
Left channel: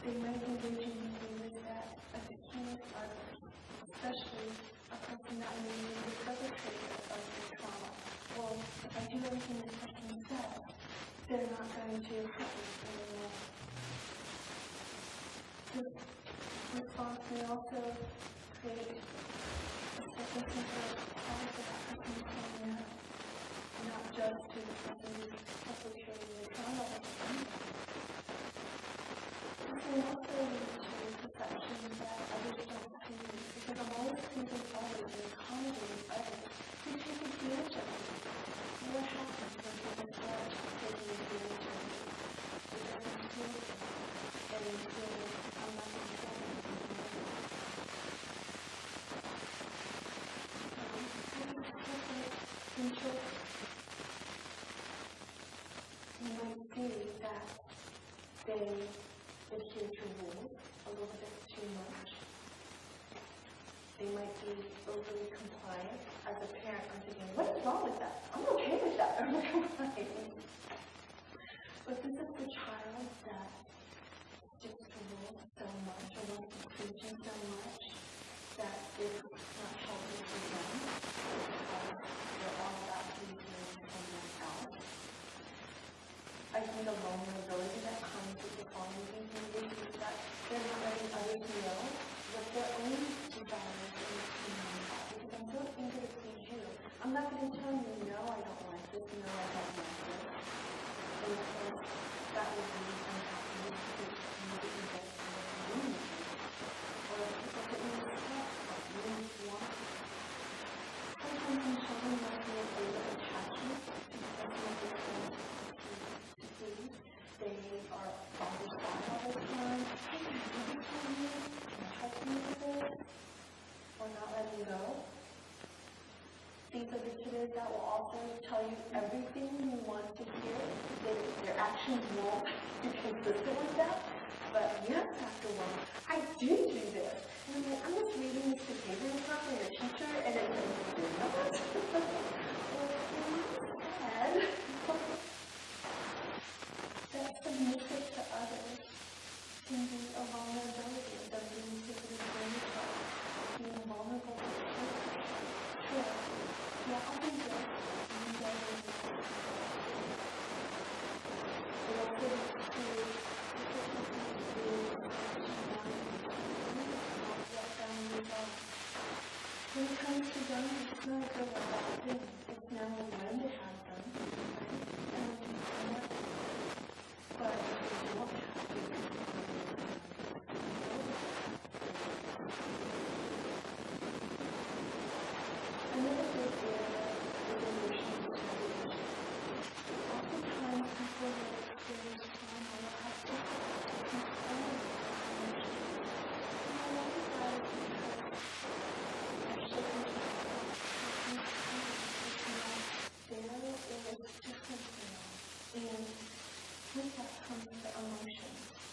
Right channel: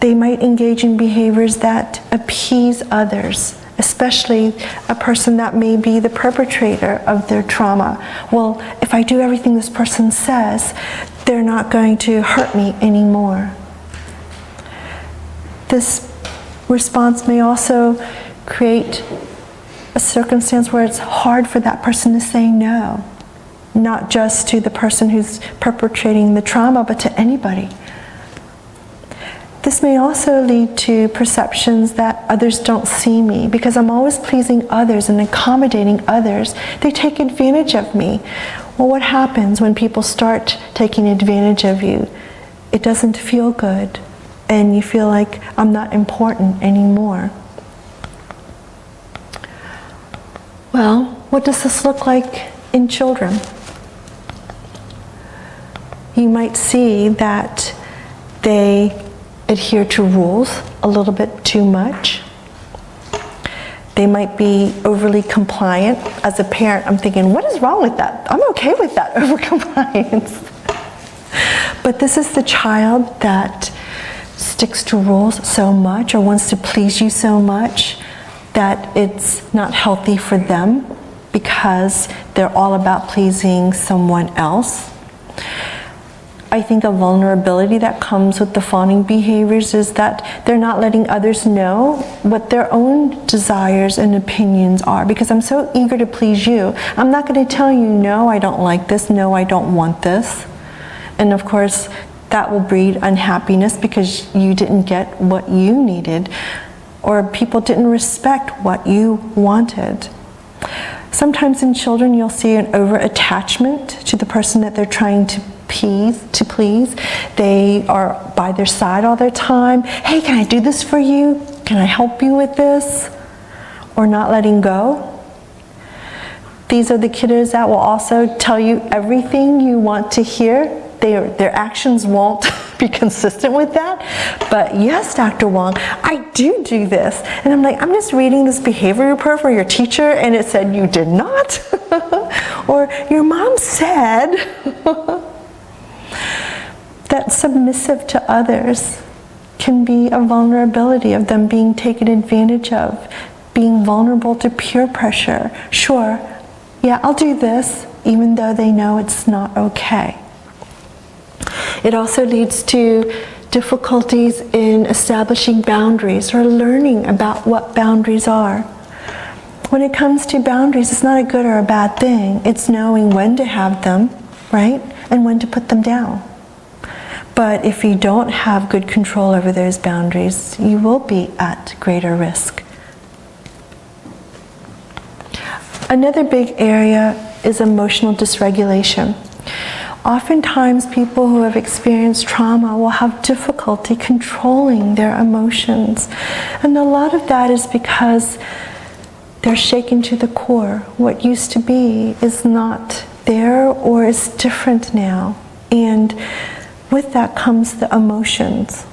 They might engage in behaviors that appease others, especially a person that may be the perpetrator of their trauma. Well, if I do everything this person says, they're not going to hurt me anymore. This response may also create a circumstance where it's hard for that person to say no, not just to the person who's perpetrating the trauma, but to anybody. This may also lead to perceptions that others don't see me. Because I'm always pleasing others and accommodating others, they take advantage of me. Well, what happens when people start taking advantage of you? It doesn't feel good, and you feel like I'm not important anymore. Well, what does this look like in children? You might see that they adhere to rules a little bit too much. They might be overly compliant. As a parent, I'm thinking, what is wrong with that? I'm okay with that over-compliance. But this is the child that sticks to rules so much or wants to please you so much that it's not healthy for them because they're all about pleasing someone else. I think a vulnerability that comes with the fawning behaviors is that they're not letting others know what their own desires and opinions are, because I'm so eager to please you. I'm not going to tell you, no, I don't like this, no, I don't want this. And of course, that will breed unhappiness because you didn't get what you needed, or people didn't respect what you wanted. Sometimes in children, you'll see an over-attachment to the person that they're trying to please. They are by their side all the time. Hey, can I do this for you? Can I help you with this? Or not letting go. These are the kiddos that will also tell you everything you want to hear. Their actions won't be consistent with that. But yes, Dr. Wong, I do this. And I'm like, I'm just reading this behavior report for your teacher, and it said you did not. Or your mom said. That submissive to others can be a vulnerability of them being taken advantage of, being vulnerable to peer pressure. Sure, yeah, I'll do this, even though they know it's not okay. It also leads to difficulties in establishing boundaries or learning about what boundaries are. When it comes to boundaries, it's not a good or a bad thing. It's knowing when to have them, right? And when to put them down. But if you don't have good control over those boundaries, you will be at greater risk. Another big area is emotional dysregulation. Oftentimes, people who have experienced trauma will have difficulty controlling their emotions. And a lot of that is because they're shaken to the core. What used to be is not there or is different now. And with that comes the emotions.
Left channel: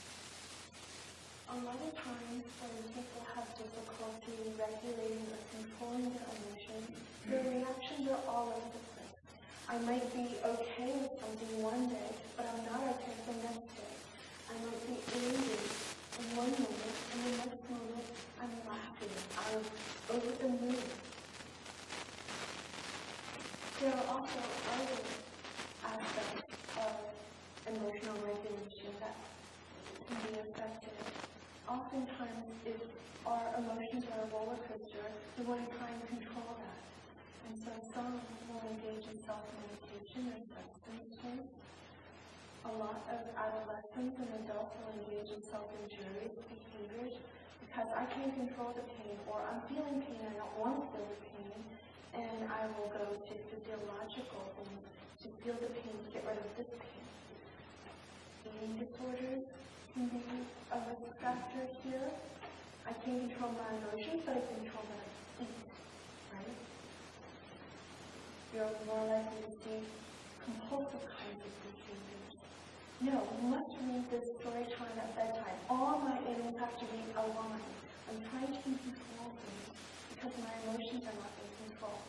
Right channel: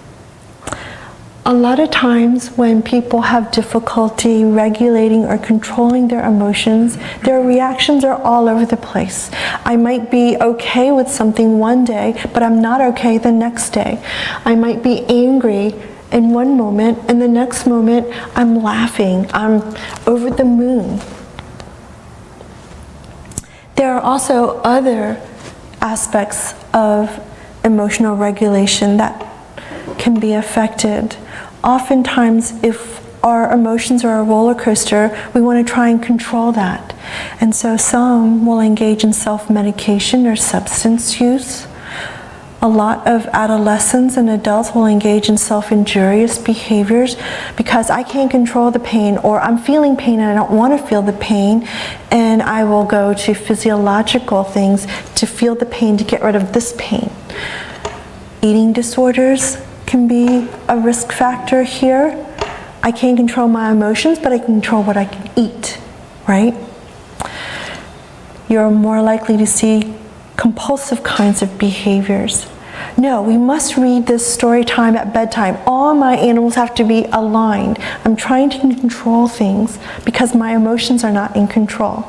A lot of times when people have difficulty regulating or controlling their emotions, their reactions are all over the place. I might be okay with something one day, but I'm not okay the next day. I might be angry in one moment, and the next moment I'm laughing, I'm over the moon. There are also other aspects of emotional regulation that can be affected. Oftentimes, if our emotions are a roller coaster, we want to try and control that. And so some will engage in self-medication or substance use. A lot of adolescents and adults will engage in self-injurious behaviors because I can't control the pain, or I'm feeling pain and I don't want to feel the pain, and I will go to physiological things to feel the pain, to get rid of this pain. Eating disorders can be a risk factor here. I can't control my emotions, but I can control what I can eat, right? You're more likely to see compulsive kinds of behaviors. No, we must read this story time at bedtime. All my animals have to be aligned. I'm trying to control things because my emotions are not in control.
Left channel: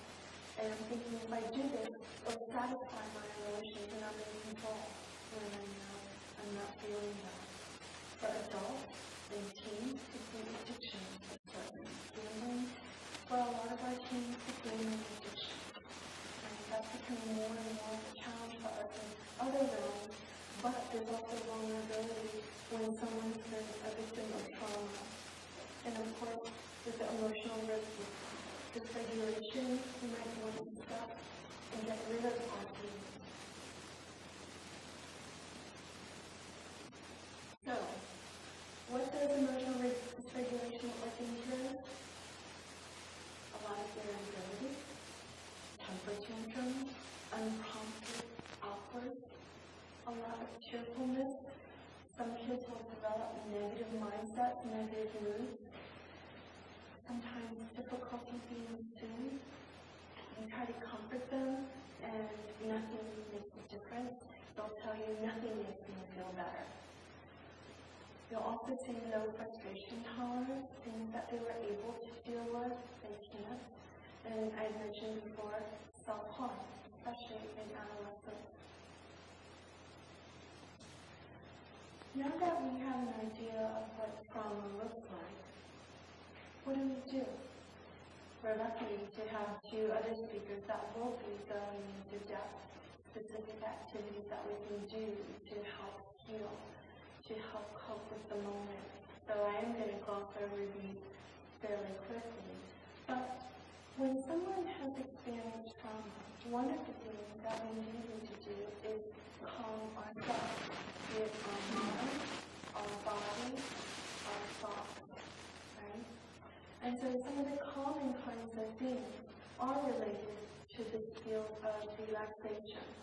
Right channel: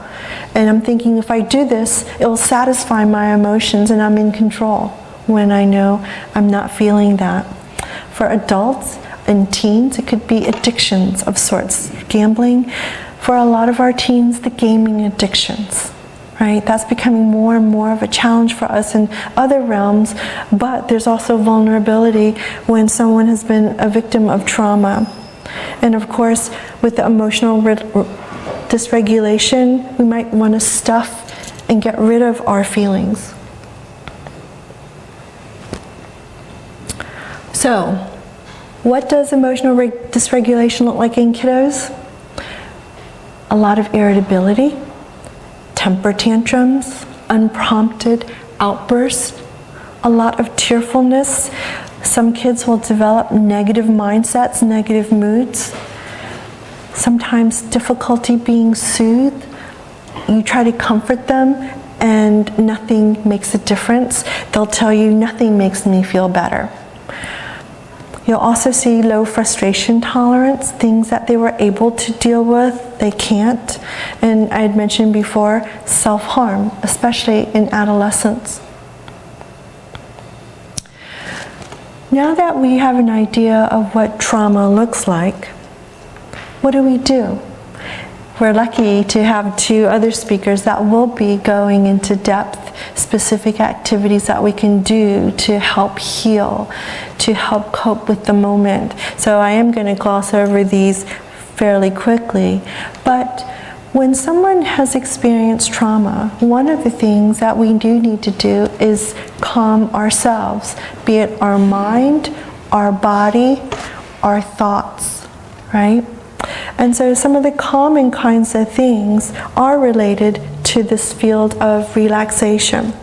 And I'm thinking, if I do this, it will satisfy my emotions and I'm in control, when I know I'm not feeling that. For adults and teens, it could be addictions of sorts. Gambling. For a lot of our teens, the gaming addictions. Right? That's becoming more and more of a challenge for us in other realms, but there's also vulnerability when someone has been a victim of trauma. And of course, with the emotional dysregulation, we might want to stuff and get rid of our feelings. So, what does emotional dysregulation look like in kiddos? A lot of irritability, temper tantrums, unprompted outbursts, a lot of tearfulness. Some kids will develop negative mindsets, negative moods. Sometimes difficulty being soothed. You try to comfort them and nothing makes a difference. They'll tell you, nothing makes me feel better. You'll also see low frustration tolerance, things that they were able to deal with, they can't. And I had mentioned before, self-harm, especially in adolescence. Now that we have an idea of what trauma looks like, what do? We're lucky to have 2 other speakers that will be going into depth, specific activities that we can do to help heal, to help cope with the moment. So I am going to gloss over these fairly quickly. But when someone has experienced trauma, one of the things that we do need to do is calm ourselves, be it our mind, our body, our thoughts, right? And so some of the common kinds of things are related to this field of relaxation.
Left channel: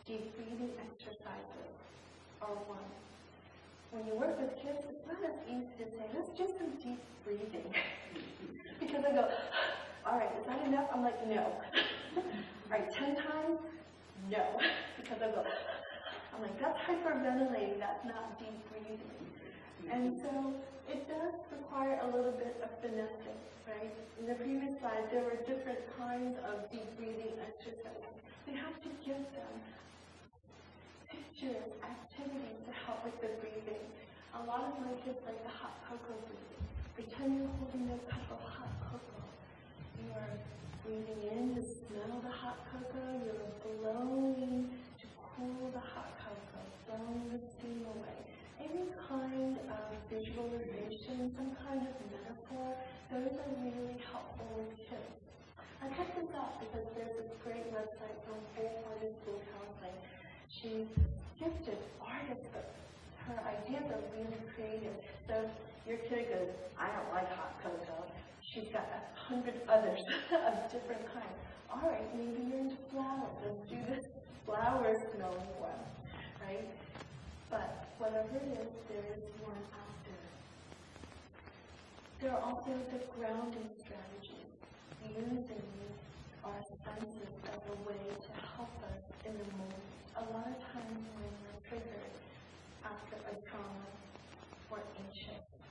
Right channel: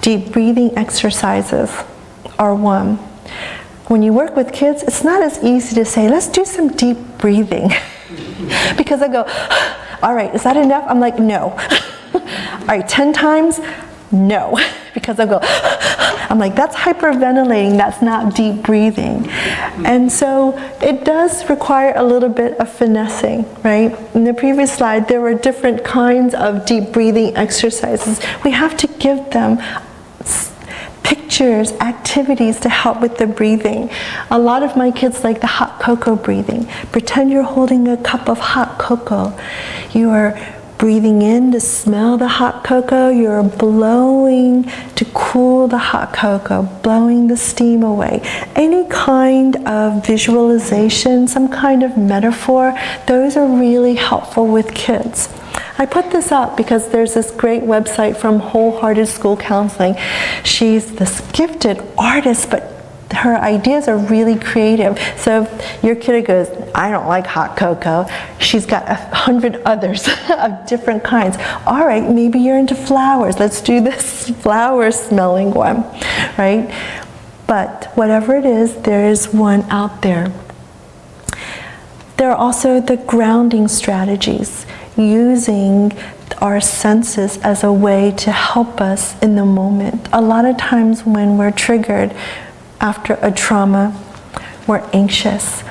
Deep breathing exercises are one. When you work with kids, it's not as easy to say, let's do some deep breathing. Because I go, all right, is that enough? I'm like, no. All right, 10 times? No. Because I go, I'm like, that's hyperventilating, that's not deep breathing. And so it does require a little bit of finessing, right? In the previous slide, there were different kinds of deep breathing exercises. We have to give them pictures, activities to help with the breathing. A lot of my kids like the hot cocoa breathing. Pretend you're holding a cup of hot cocoa. You are breathing in to smell the hot cocoa. You're blowing to cool the hot cocoa, blowing the steam away. Any kind of visualization, some kind of metaphor, those are really helpful with kids. I put this up because there's this great website from Wholehearted School Counseling. She's this gifted artist, but her ideas are really creative. So if your kid goes, I don't like hot cocoa, she's got 100 others of different kinds. All right, maybe you're into flowers. Let's do this flower smelling one, right? But whatever it is, there is one out there. There are also the grounding strategies, using our senses as a way to help us in the moment. A lot of times when we're triggered after a trauma, we're anxious.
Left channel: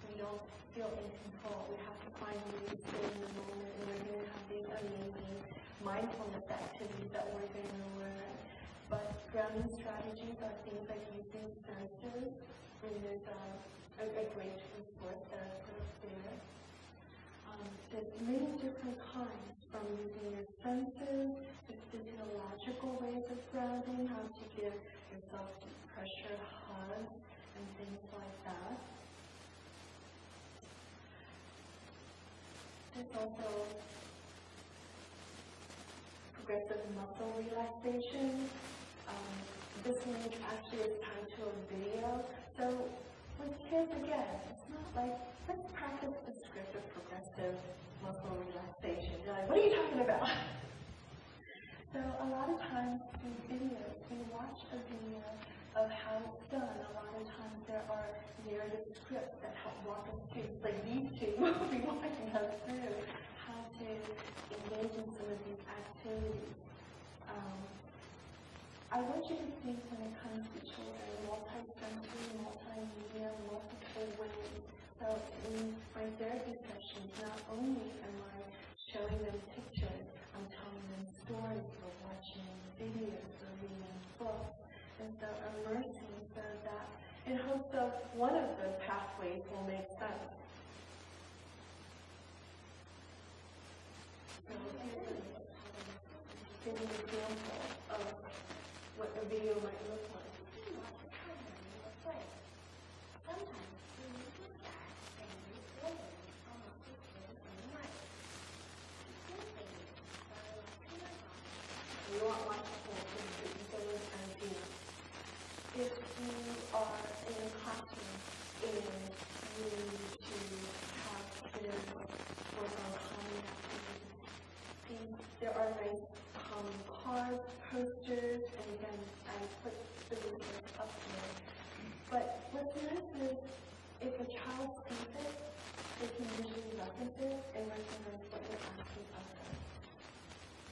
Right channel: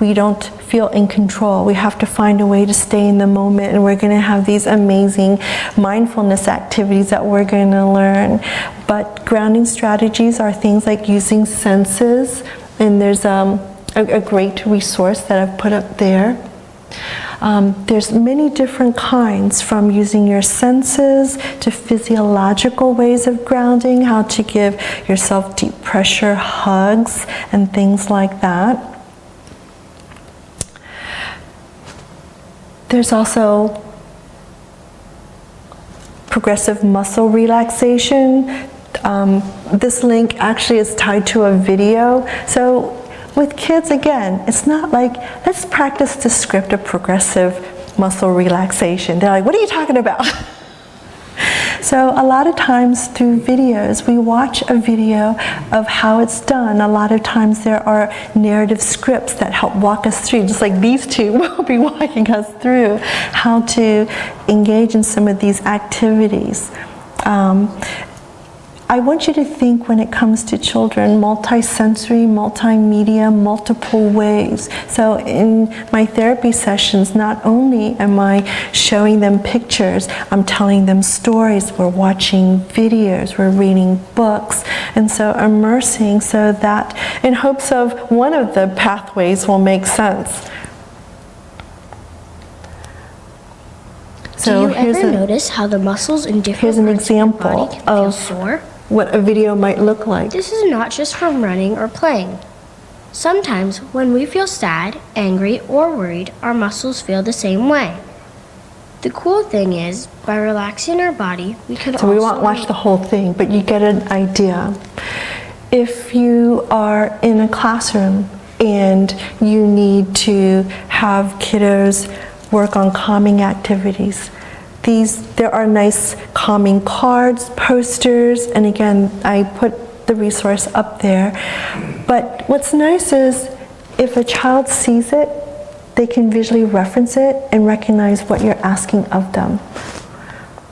We don't feel in control. We have to find a way to stay in the moment, and we're going to have these amazing mindfulness activities that we're going to learn. But grounding strategies are things like using senses, and there's a great resource that I've put up there. There's many different kinds, from using your senses to physiological ways of grounding, how to give yourself deep pressure hugs and things like that. There's also progressive muscle relaxation. This link actually is tied to a video. So with kids, again, it's not like, let's practice the script of progressive muscle relaxation. They're like, what are you talking about? So a lot of times through videos, we watch a video of how it's done. A lot of times there are narrative scripts that help walk us through, just like these two will be walking us through how to engage in some of these activities. I want you to think when it comes to children, multisensory, multimedia, multiple ways. So in my therapy sessions, not only am I showing them pictures, I'm telling them stories, we're watching videos, we're reading books, and so immersing so that in hopes of one of the pathways will make sense. Do you ever notice how the muscles in different parts of your body can feel sore? What a video might look like. This is not just from running or playing. Sometimes when we feel sad, angry, or worried, our muscles feel the same way. The cool thing is, by relaxing our body, we can So we won't watch the whole thing, but you get an idea. If you are in a classroom and you need to have kiddos work on calming activities, there are nice calming cards, posters, and again, I put the resource up there. But what's nice is if a child sees it, they can visually reference it and recognize what you're asking of them.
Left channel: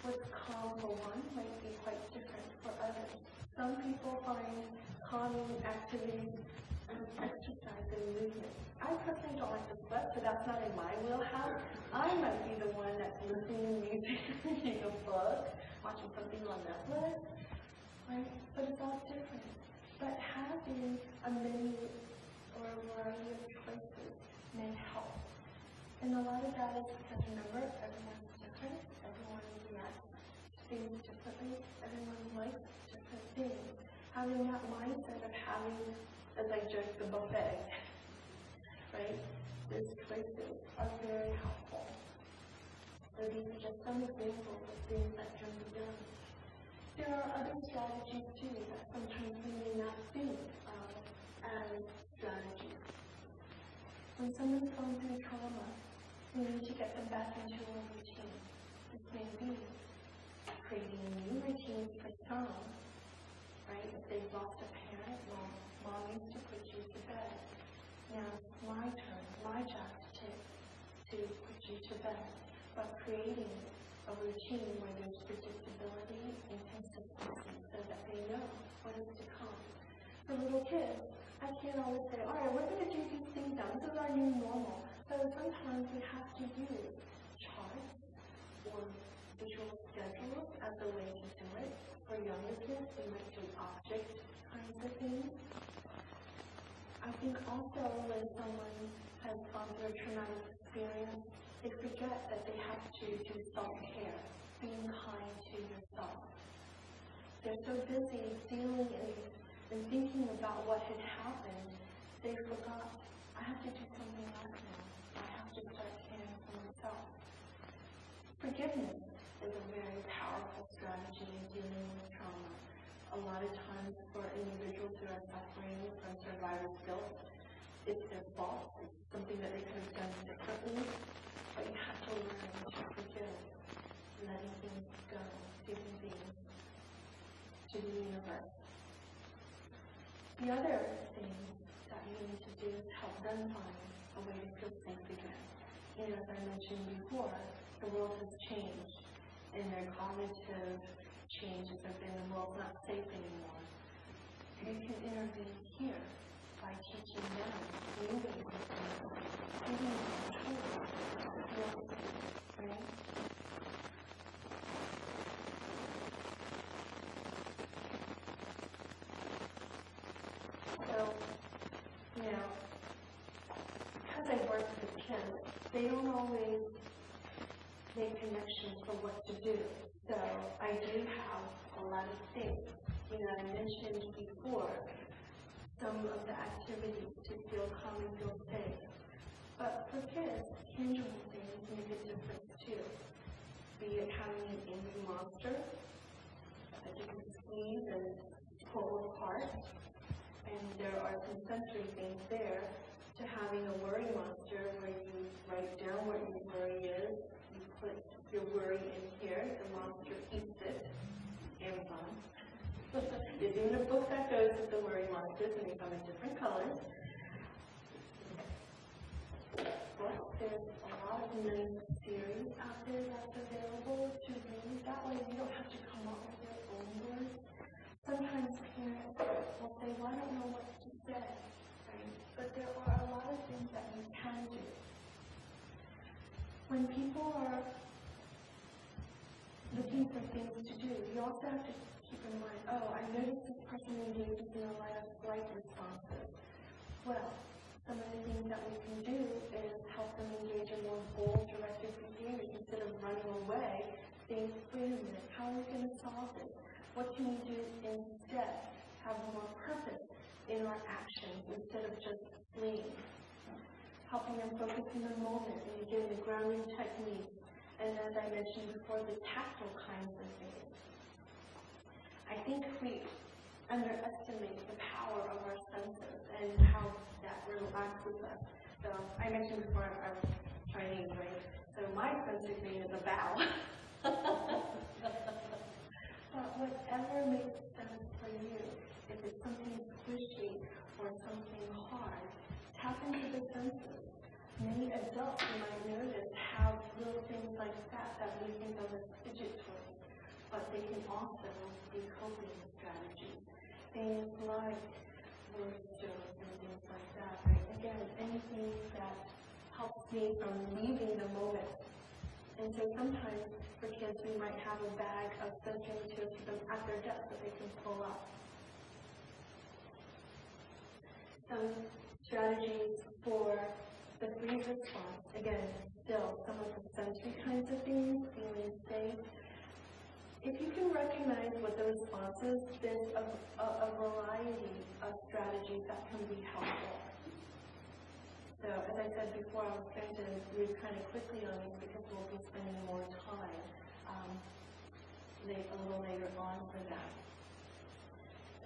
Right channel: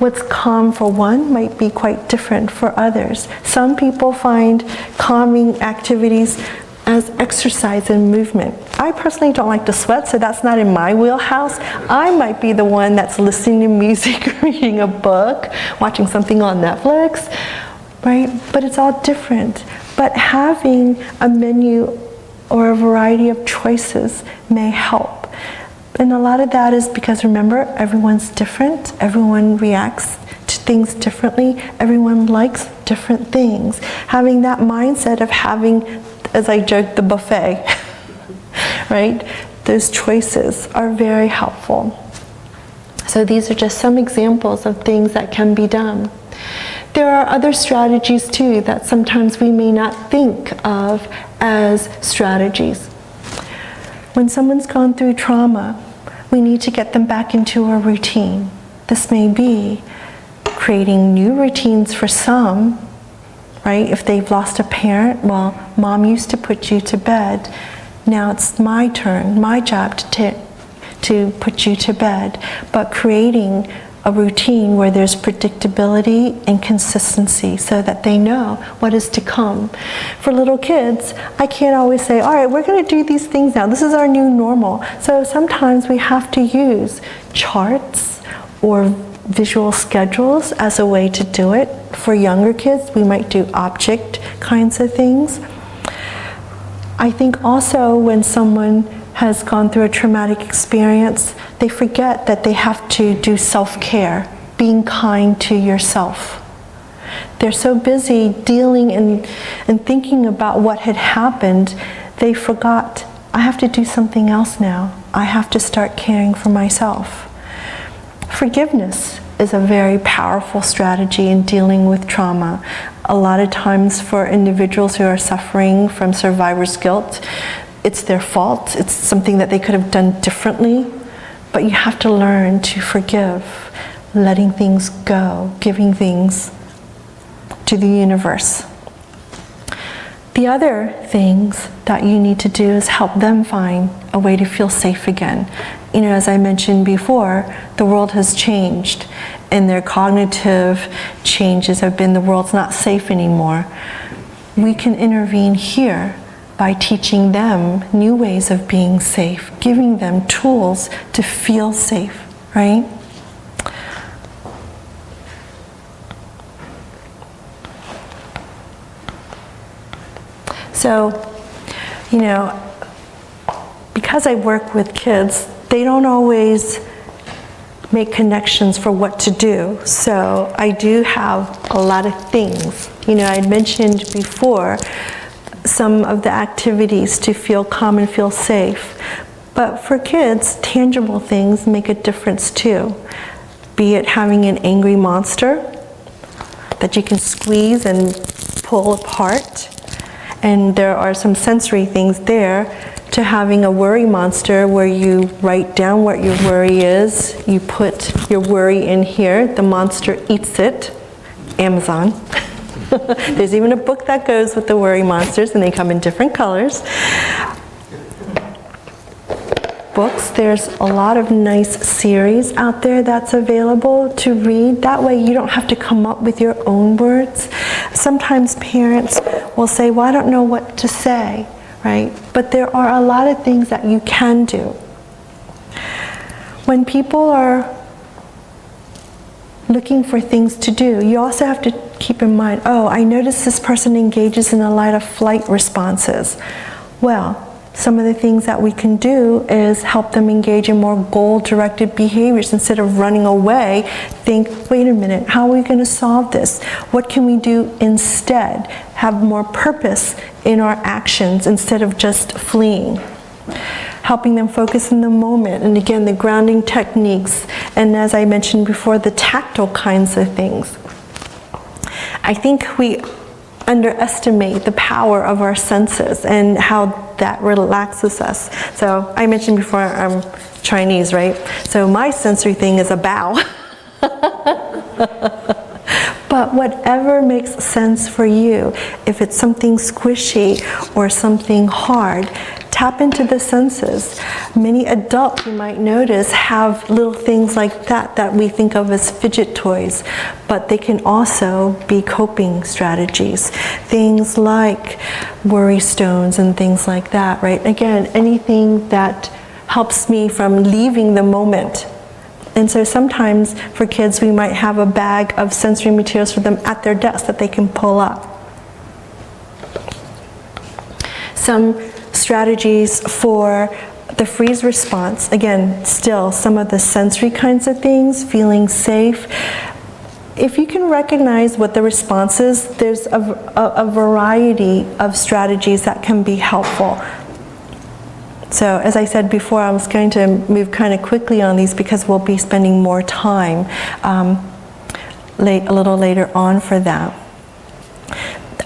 What's calm for one might be quite different for others. Some people find calming activities as exercise and movement. I personally don't like to sweat, so that's not in my wheelhouse. I might be the one that's listening to music, reading a book, watching something on Netflix, right? But it's all different. But having a menu or a variety of choices may help. And a lot of that is because, remember, everyone's different. Everyone reacts to things differently. Everyone likes different things. Having that mindset of having, as I joked, the buffet, right? Those choices are very helpful. So these are just some examples of things that can be done. There are other strategies too that sometimes we may not think of as strategies. When someone's gone through trauma, we need to get them back into a routine. This may be creating new routines for some, right? If they've lost a parent, well, mom used to put you to bed. Now it's my turn, my job to put you to bed. But creating a routine where there's predictability and consistency so that they know what is to come. For little kids, I can't always say, all right, we're going to do these things now. This is our new normal. So sometimes we have to use charts or visual schedules as a way to do it. For younger kids, we might do object kinds of things. I think also when someone has gone through a traumatic experience, they forget that they have to do self-care, being kind to yourself. They're so busy dealing and thinking about what had happened, they forgot, I have to do something else now. I have to start caring for myself. Forgiveness is a very powerful strategy in dealing with trauma. A lot of times for individuals who are suffering from survivor's guilt, it's their fault, it's something that they could have done differently, but you have to learn to forgive, letting things go, giving things to the universe. The other things that you need to do is help them find a way to feel safe again. You know, as I mentioned before, the world has changed, and their cognitive changes have been the world's not safe anymore. We can intervene here by teaching them new ways of being safe, giving them tools to feel safe, right? So, you know, because I work with kids, they don't always make connections for what to do. So I do have a lot of things. You know, I had mentioned before some of the activities to feel calm and feel safe. But for kids, tangible things make a difference too. Be it having an angry monster that you can squeeze and pull apart. And there are some sensory things there, to having a worry monster where you write down what your worry is, you put your worry in here, the monster eats it, Amazon. There's even a book that goes with the worry monsters, and they come in different colors. books. There's a lot of nice series out there that's available to read. That way you don't have to come up with your own words. Sometimes parents will say, well, I don't know what to say, right? But there are a lot of things that you can do. When people are looking for things to do, you also have to keep in mind, oh, I notice this person engages in a lot of flight responses. Well, some of the things that we can do is help them engage in more goal-directed behaviors. Instead of running away, think, wait a minute, how are we going to solve this? What can we do instead? Have more purpose in our actions instead of just fleeing. Helping them focus in the moment, and again, the grounding techniques, and as I mentioned before, the tactile kinds of things. I think we underestimate the power of our senses and how that relaxes us. So I mentioned before I'm Chinese, right? So my sensory thing is a bow. But whatever makes sense for you, if it's something squishy or something hard, tap into the senses. Many adults, you might notice, have little things like that we think of as fidget toys, but they can also be coping strategies. Things like worry stones and things like that, right? Again, anything that helps me from leaving the moment. And so sometimes for kids, we might have a bag of sensory materials for them at their desk that they can pull up. Some strategies for the freeze response, again, still some of the sensory kinds of things, feeling safe. If you can recognize what the response is, there's a variety of strategies that can be helpful. So as I said before, I was going to move kind of quickly on these because we'll be spending more time a little later on for that.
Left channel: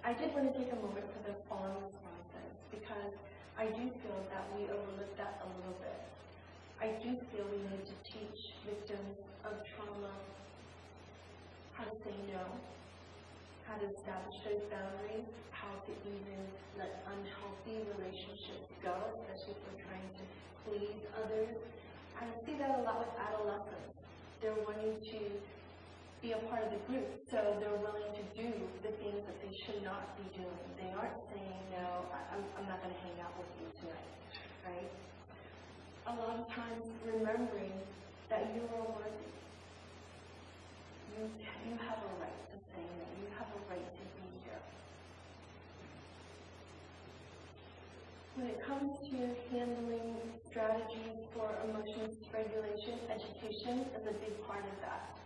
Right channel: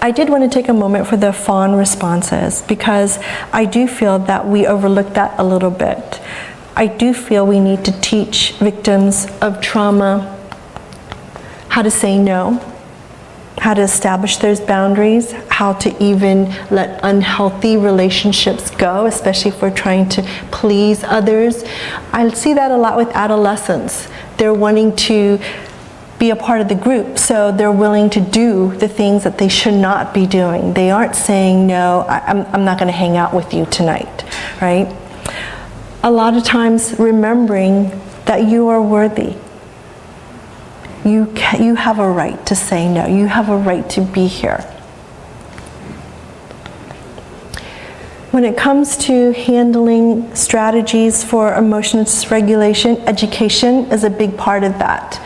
I did want to take a moment for the fawn responses because I do feel that we overlook that a little bit. I do feel we need to teach victims of trauma how to say no, how to establish those boundaries, how to even let unhealthy relationships go, especially if we're trying to please others. I see that a lot with adolescents. They're wanting to be a part of the group, so they're willing to do the things that they should not be doing. They aren't saying, no, I'm not going to hang out with you tonight, right? A lot of times remembering that you are worthy. You have a right to say no. You have a right to be here. When it comes to handling strategies for emotional dysregulation, education is a big part of that.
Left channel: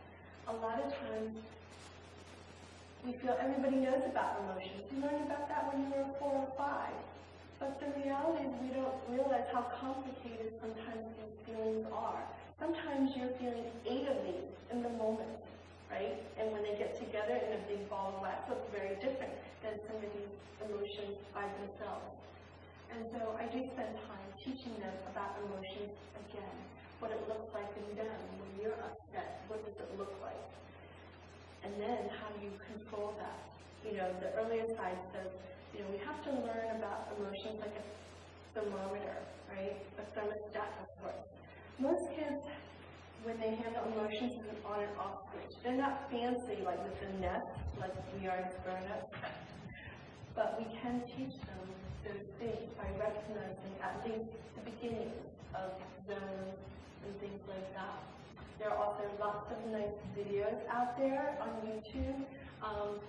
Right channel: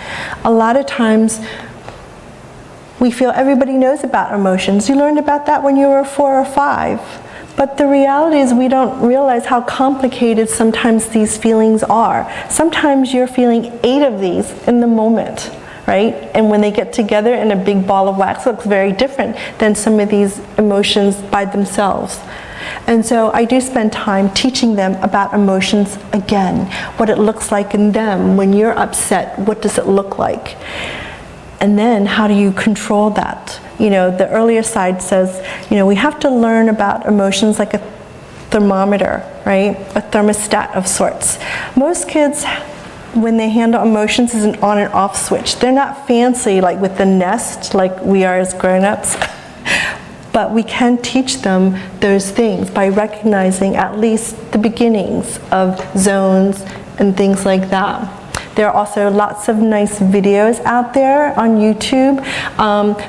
A lot of times we feel everybody knows about emotions. You learned about that when you were 4 or 5. But the reality is we don't realize how complicated sometimes these feelings are. Sometimes you're feeling 8 of these in the moment, right? And when they get together in a big ball of wax, it looks very different than some of these emotions by themselves. And so I do spend time teaching them about emotions again, what it looks like in them. When you're upset, what does it look like? And then how do you control that? You know, the earlier side says, you know, we have to learn about emotions like a thermometer, right? A thermostat of sorts. Most kids, when they handle emotions, is an on and off switch. They're not fancy like with the Nest like we are as grown-ups. But we can teach them those things by recognizing at least the beginnings of zones and things like that. There are also lots of nice videos out there on YouTube.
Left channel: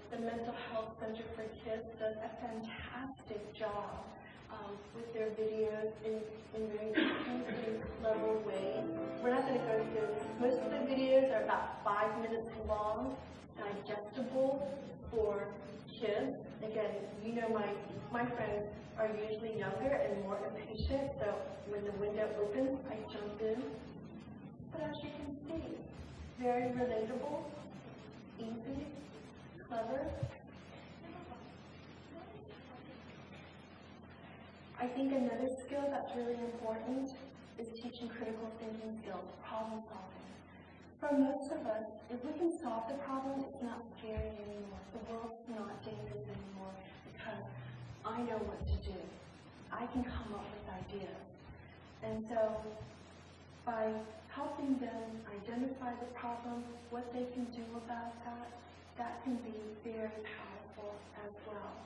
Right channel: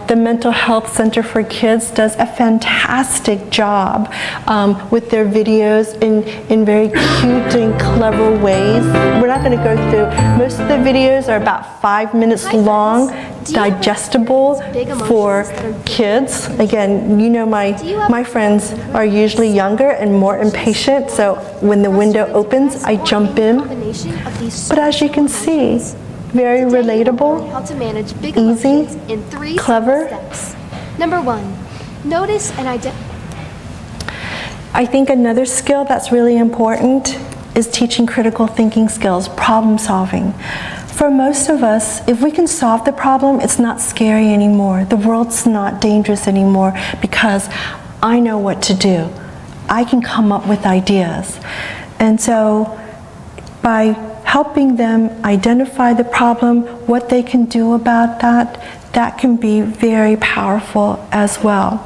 The Mental Health Center for Kids does a fantastic job with their videos in very cute and clever ways. We're not going to go through. Most of the videos are about 5 minutes long, digestible for kids. Again, you know my friends are usually younger and more impatient, so when the window opens, I jump in. But as you can see, very relatable, easy, clever. Number 1, notice and identify. I think another skill that's really important is teaching critical thinking skills, problem solving. For most of us, if we can solve the problem, it's not scary anymore. The world's not dangerous anymore because I know what to do. I can come up with ideas. And so by helping them identify the problem, what they can do about that, that can be very powerful as well.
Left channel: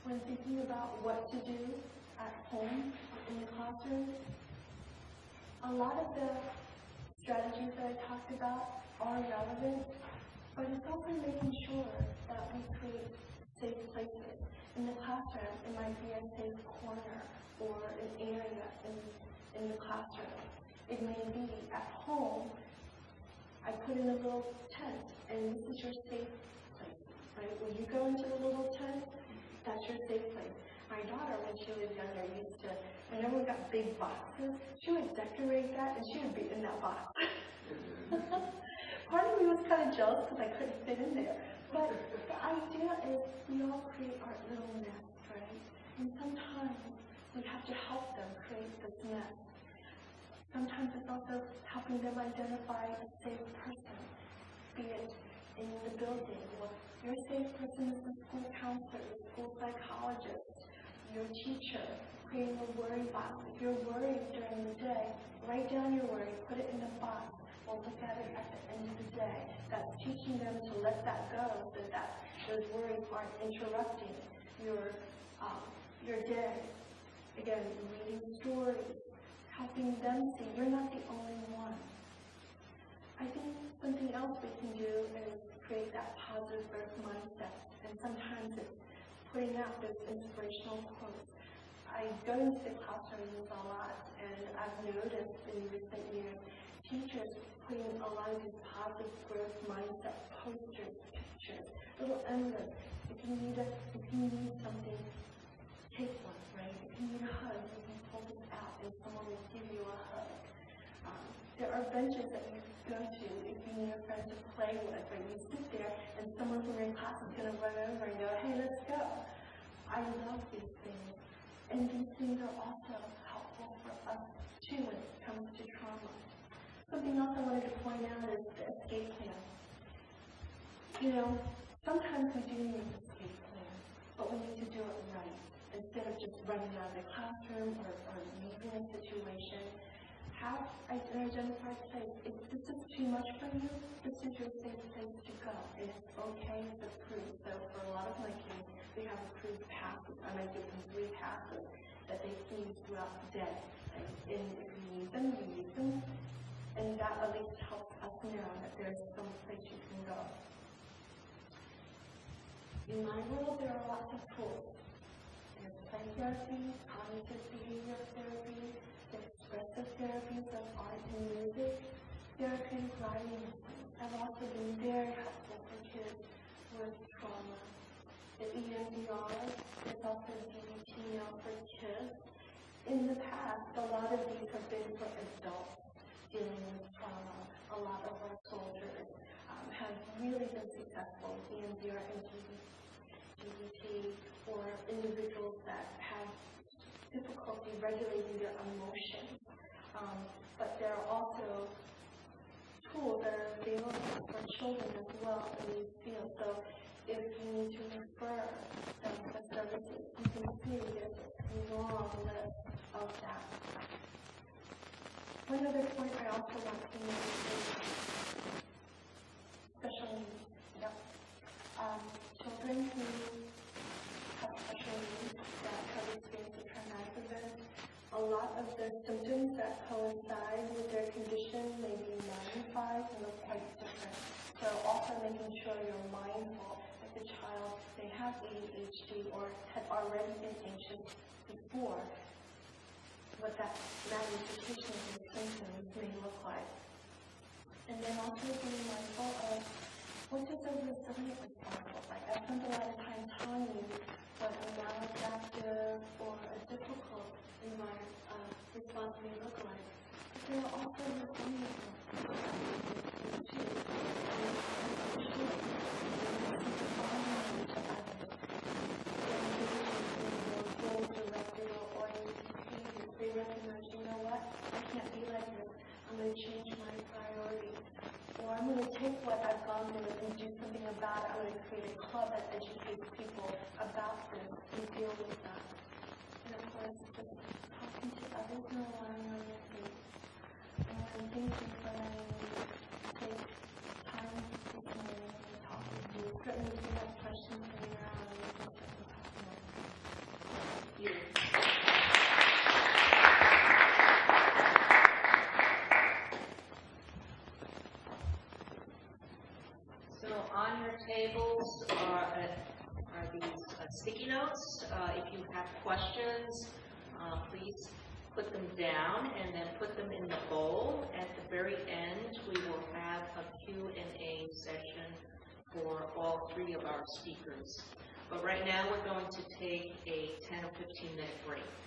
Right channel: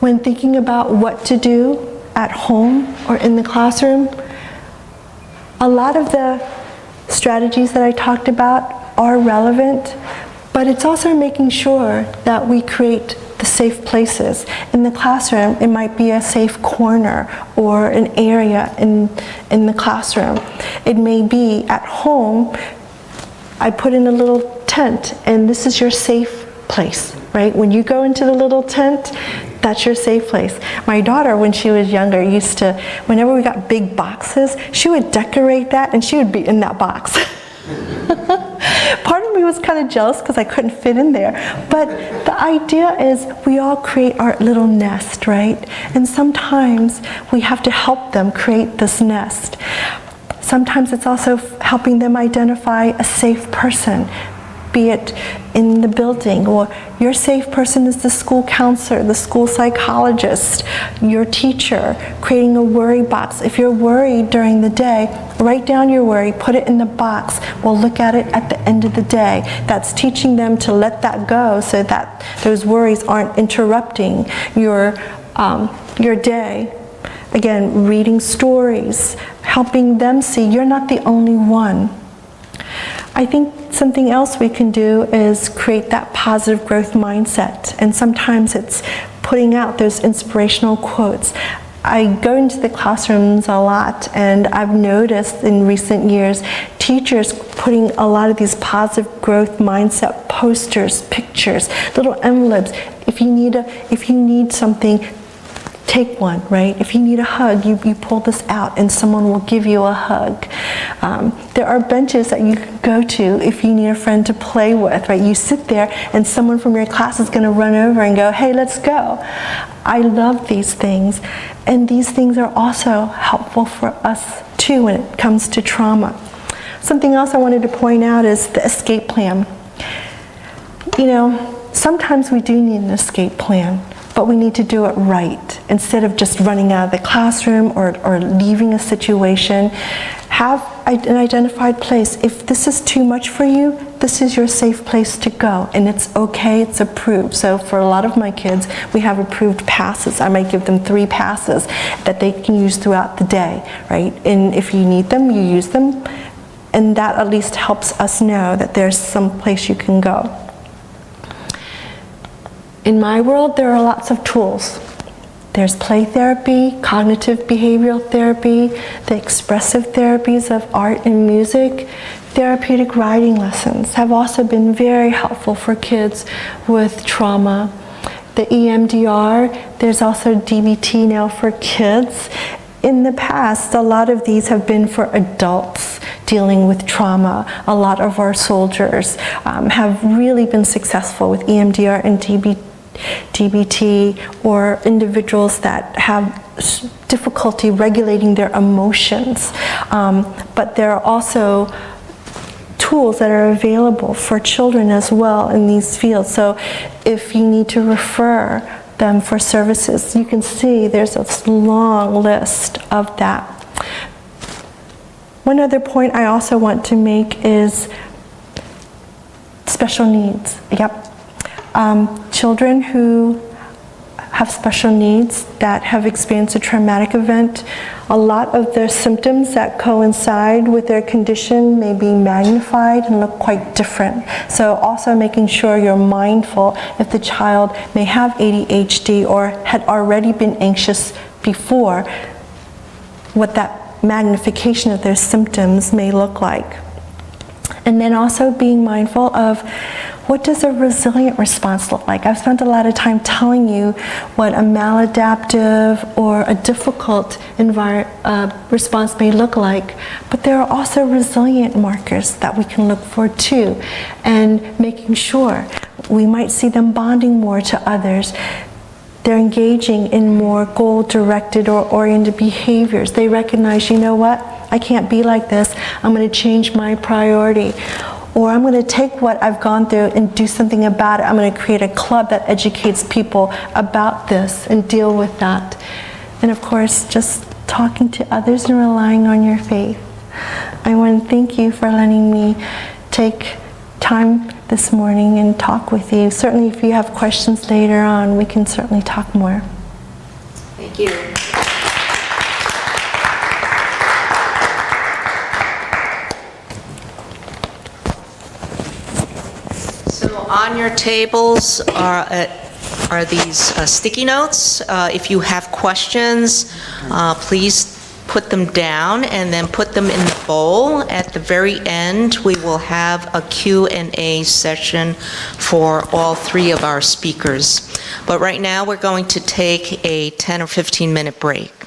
When thinking about what to do at home or in the classroom, a lot of the strategies that I talked about are relevant, but it's also making sure that we create the safe places. In the classroom, it might be a safe corner or an area in the classroom. It may be at home, I put in a little tent, and this is your safe place, right? When you go into the little tent, that's your safe place. My daughter, when she was younger, used to, whenever we got big boxes, she would decorate that and she would be in that box. Part of me was kind of jealous because I couldn't fit in there. But the idea is we all create our little nest, right? And sometimes we have to help them create this nest. Sometimes it's also helping them identify a safe person, be it in the building, or your safe person is the school counselor, the school psychologist, your teacher, creating a worry box. If you're worried during the day, write down your worry, put it in the box. We'll look at it at the end of the day. That's teaching them to let that go so that those worries aren't interrupting your day. Again, reading stories, helping them see you're not the only one. I think something else we can do is create that positive growth mindset. And sometimes it's putting out those inspirational quotes. I go into the classrooms a lot, and I've noticed in recent years teachers putting a lot of these positive growth mindset posters, pictures, little envelopes. If you need something, take one, right? If you need a hug, you pull this out and someone will give you a hug. There are benches that you can go to if you need a friend to play with, right? You sit there and someone from your class is gonna run over and go, hey, let's go. I love these things. And these things are also helpful for us too when it comes to trauma. Something else I wanted to point out is the escape plan. You know, sometimes we do need an escape plan, but we need to do it right. Instead of just running out of the classroom or leaving a situation, have an identified place. If this is too much for you, this is your safe place to go, and it's okay, it's approved. So for a lot of my kids, we have approved passes. I might give them 3 passes that they can use throughout the day, right? And if you need them, you use them, and that at least helps us know that there's some place you can go. In my world, there are lots of tools. There's play therapy, cognitive behavioral therapy, the expressive therapies of art and music. Therapeutic writing lessons have also been very helpful for kids with trauma. The EMDR, there's also DBT now for kids. In the past, a lot of these have been for adults dealing with trauma. A lot of our soldiers have really been successful with EMDR and DBT, or individuals that have difficulty regulating their emotions. But there are also tools that are available for children as well in these fields. So if you need to refer them for services, you can see there's a long list of that. One other point I also want to make is special needs. Yep. Children who have special needs that have experienced a traumatic event, a lot of their symptoms that coincide with their condition may be magnified and look quite different. So also making sure you're mindful if the child may have ADHD or had already been anxious before, what that magnification of their symptoms may look like. And then also being mindful of what does a resilient response look like? I've spent a lot of time telling you what a maladaptive or a difficult response may look like, but there are also resilient markers that we can look for too, and making sure we might see them bonding more to others. They're engaging in more goal-directed or oriented behaviors. They recognize, you know what, I can't be like this, I'm going to change my priority. Or I'm going to take what I've gone through and do something about it. I'm going to create a club that educates people about this and deal with that. and of course, just talking to others and relying on your faith. I want to thank you for letting me take time this morning and talk with you. Certainly, if you have questions later on, we can certainly talk more. Thank you. So on your tables are these sticky notes. If you have questions, please put them down and then put them in the bowl. At the very end, we will have a Q&A session for all three of our speakers. But right now, we're going to take a 10 or 15-minute break.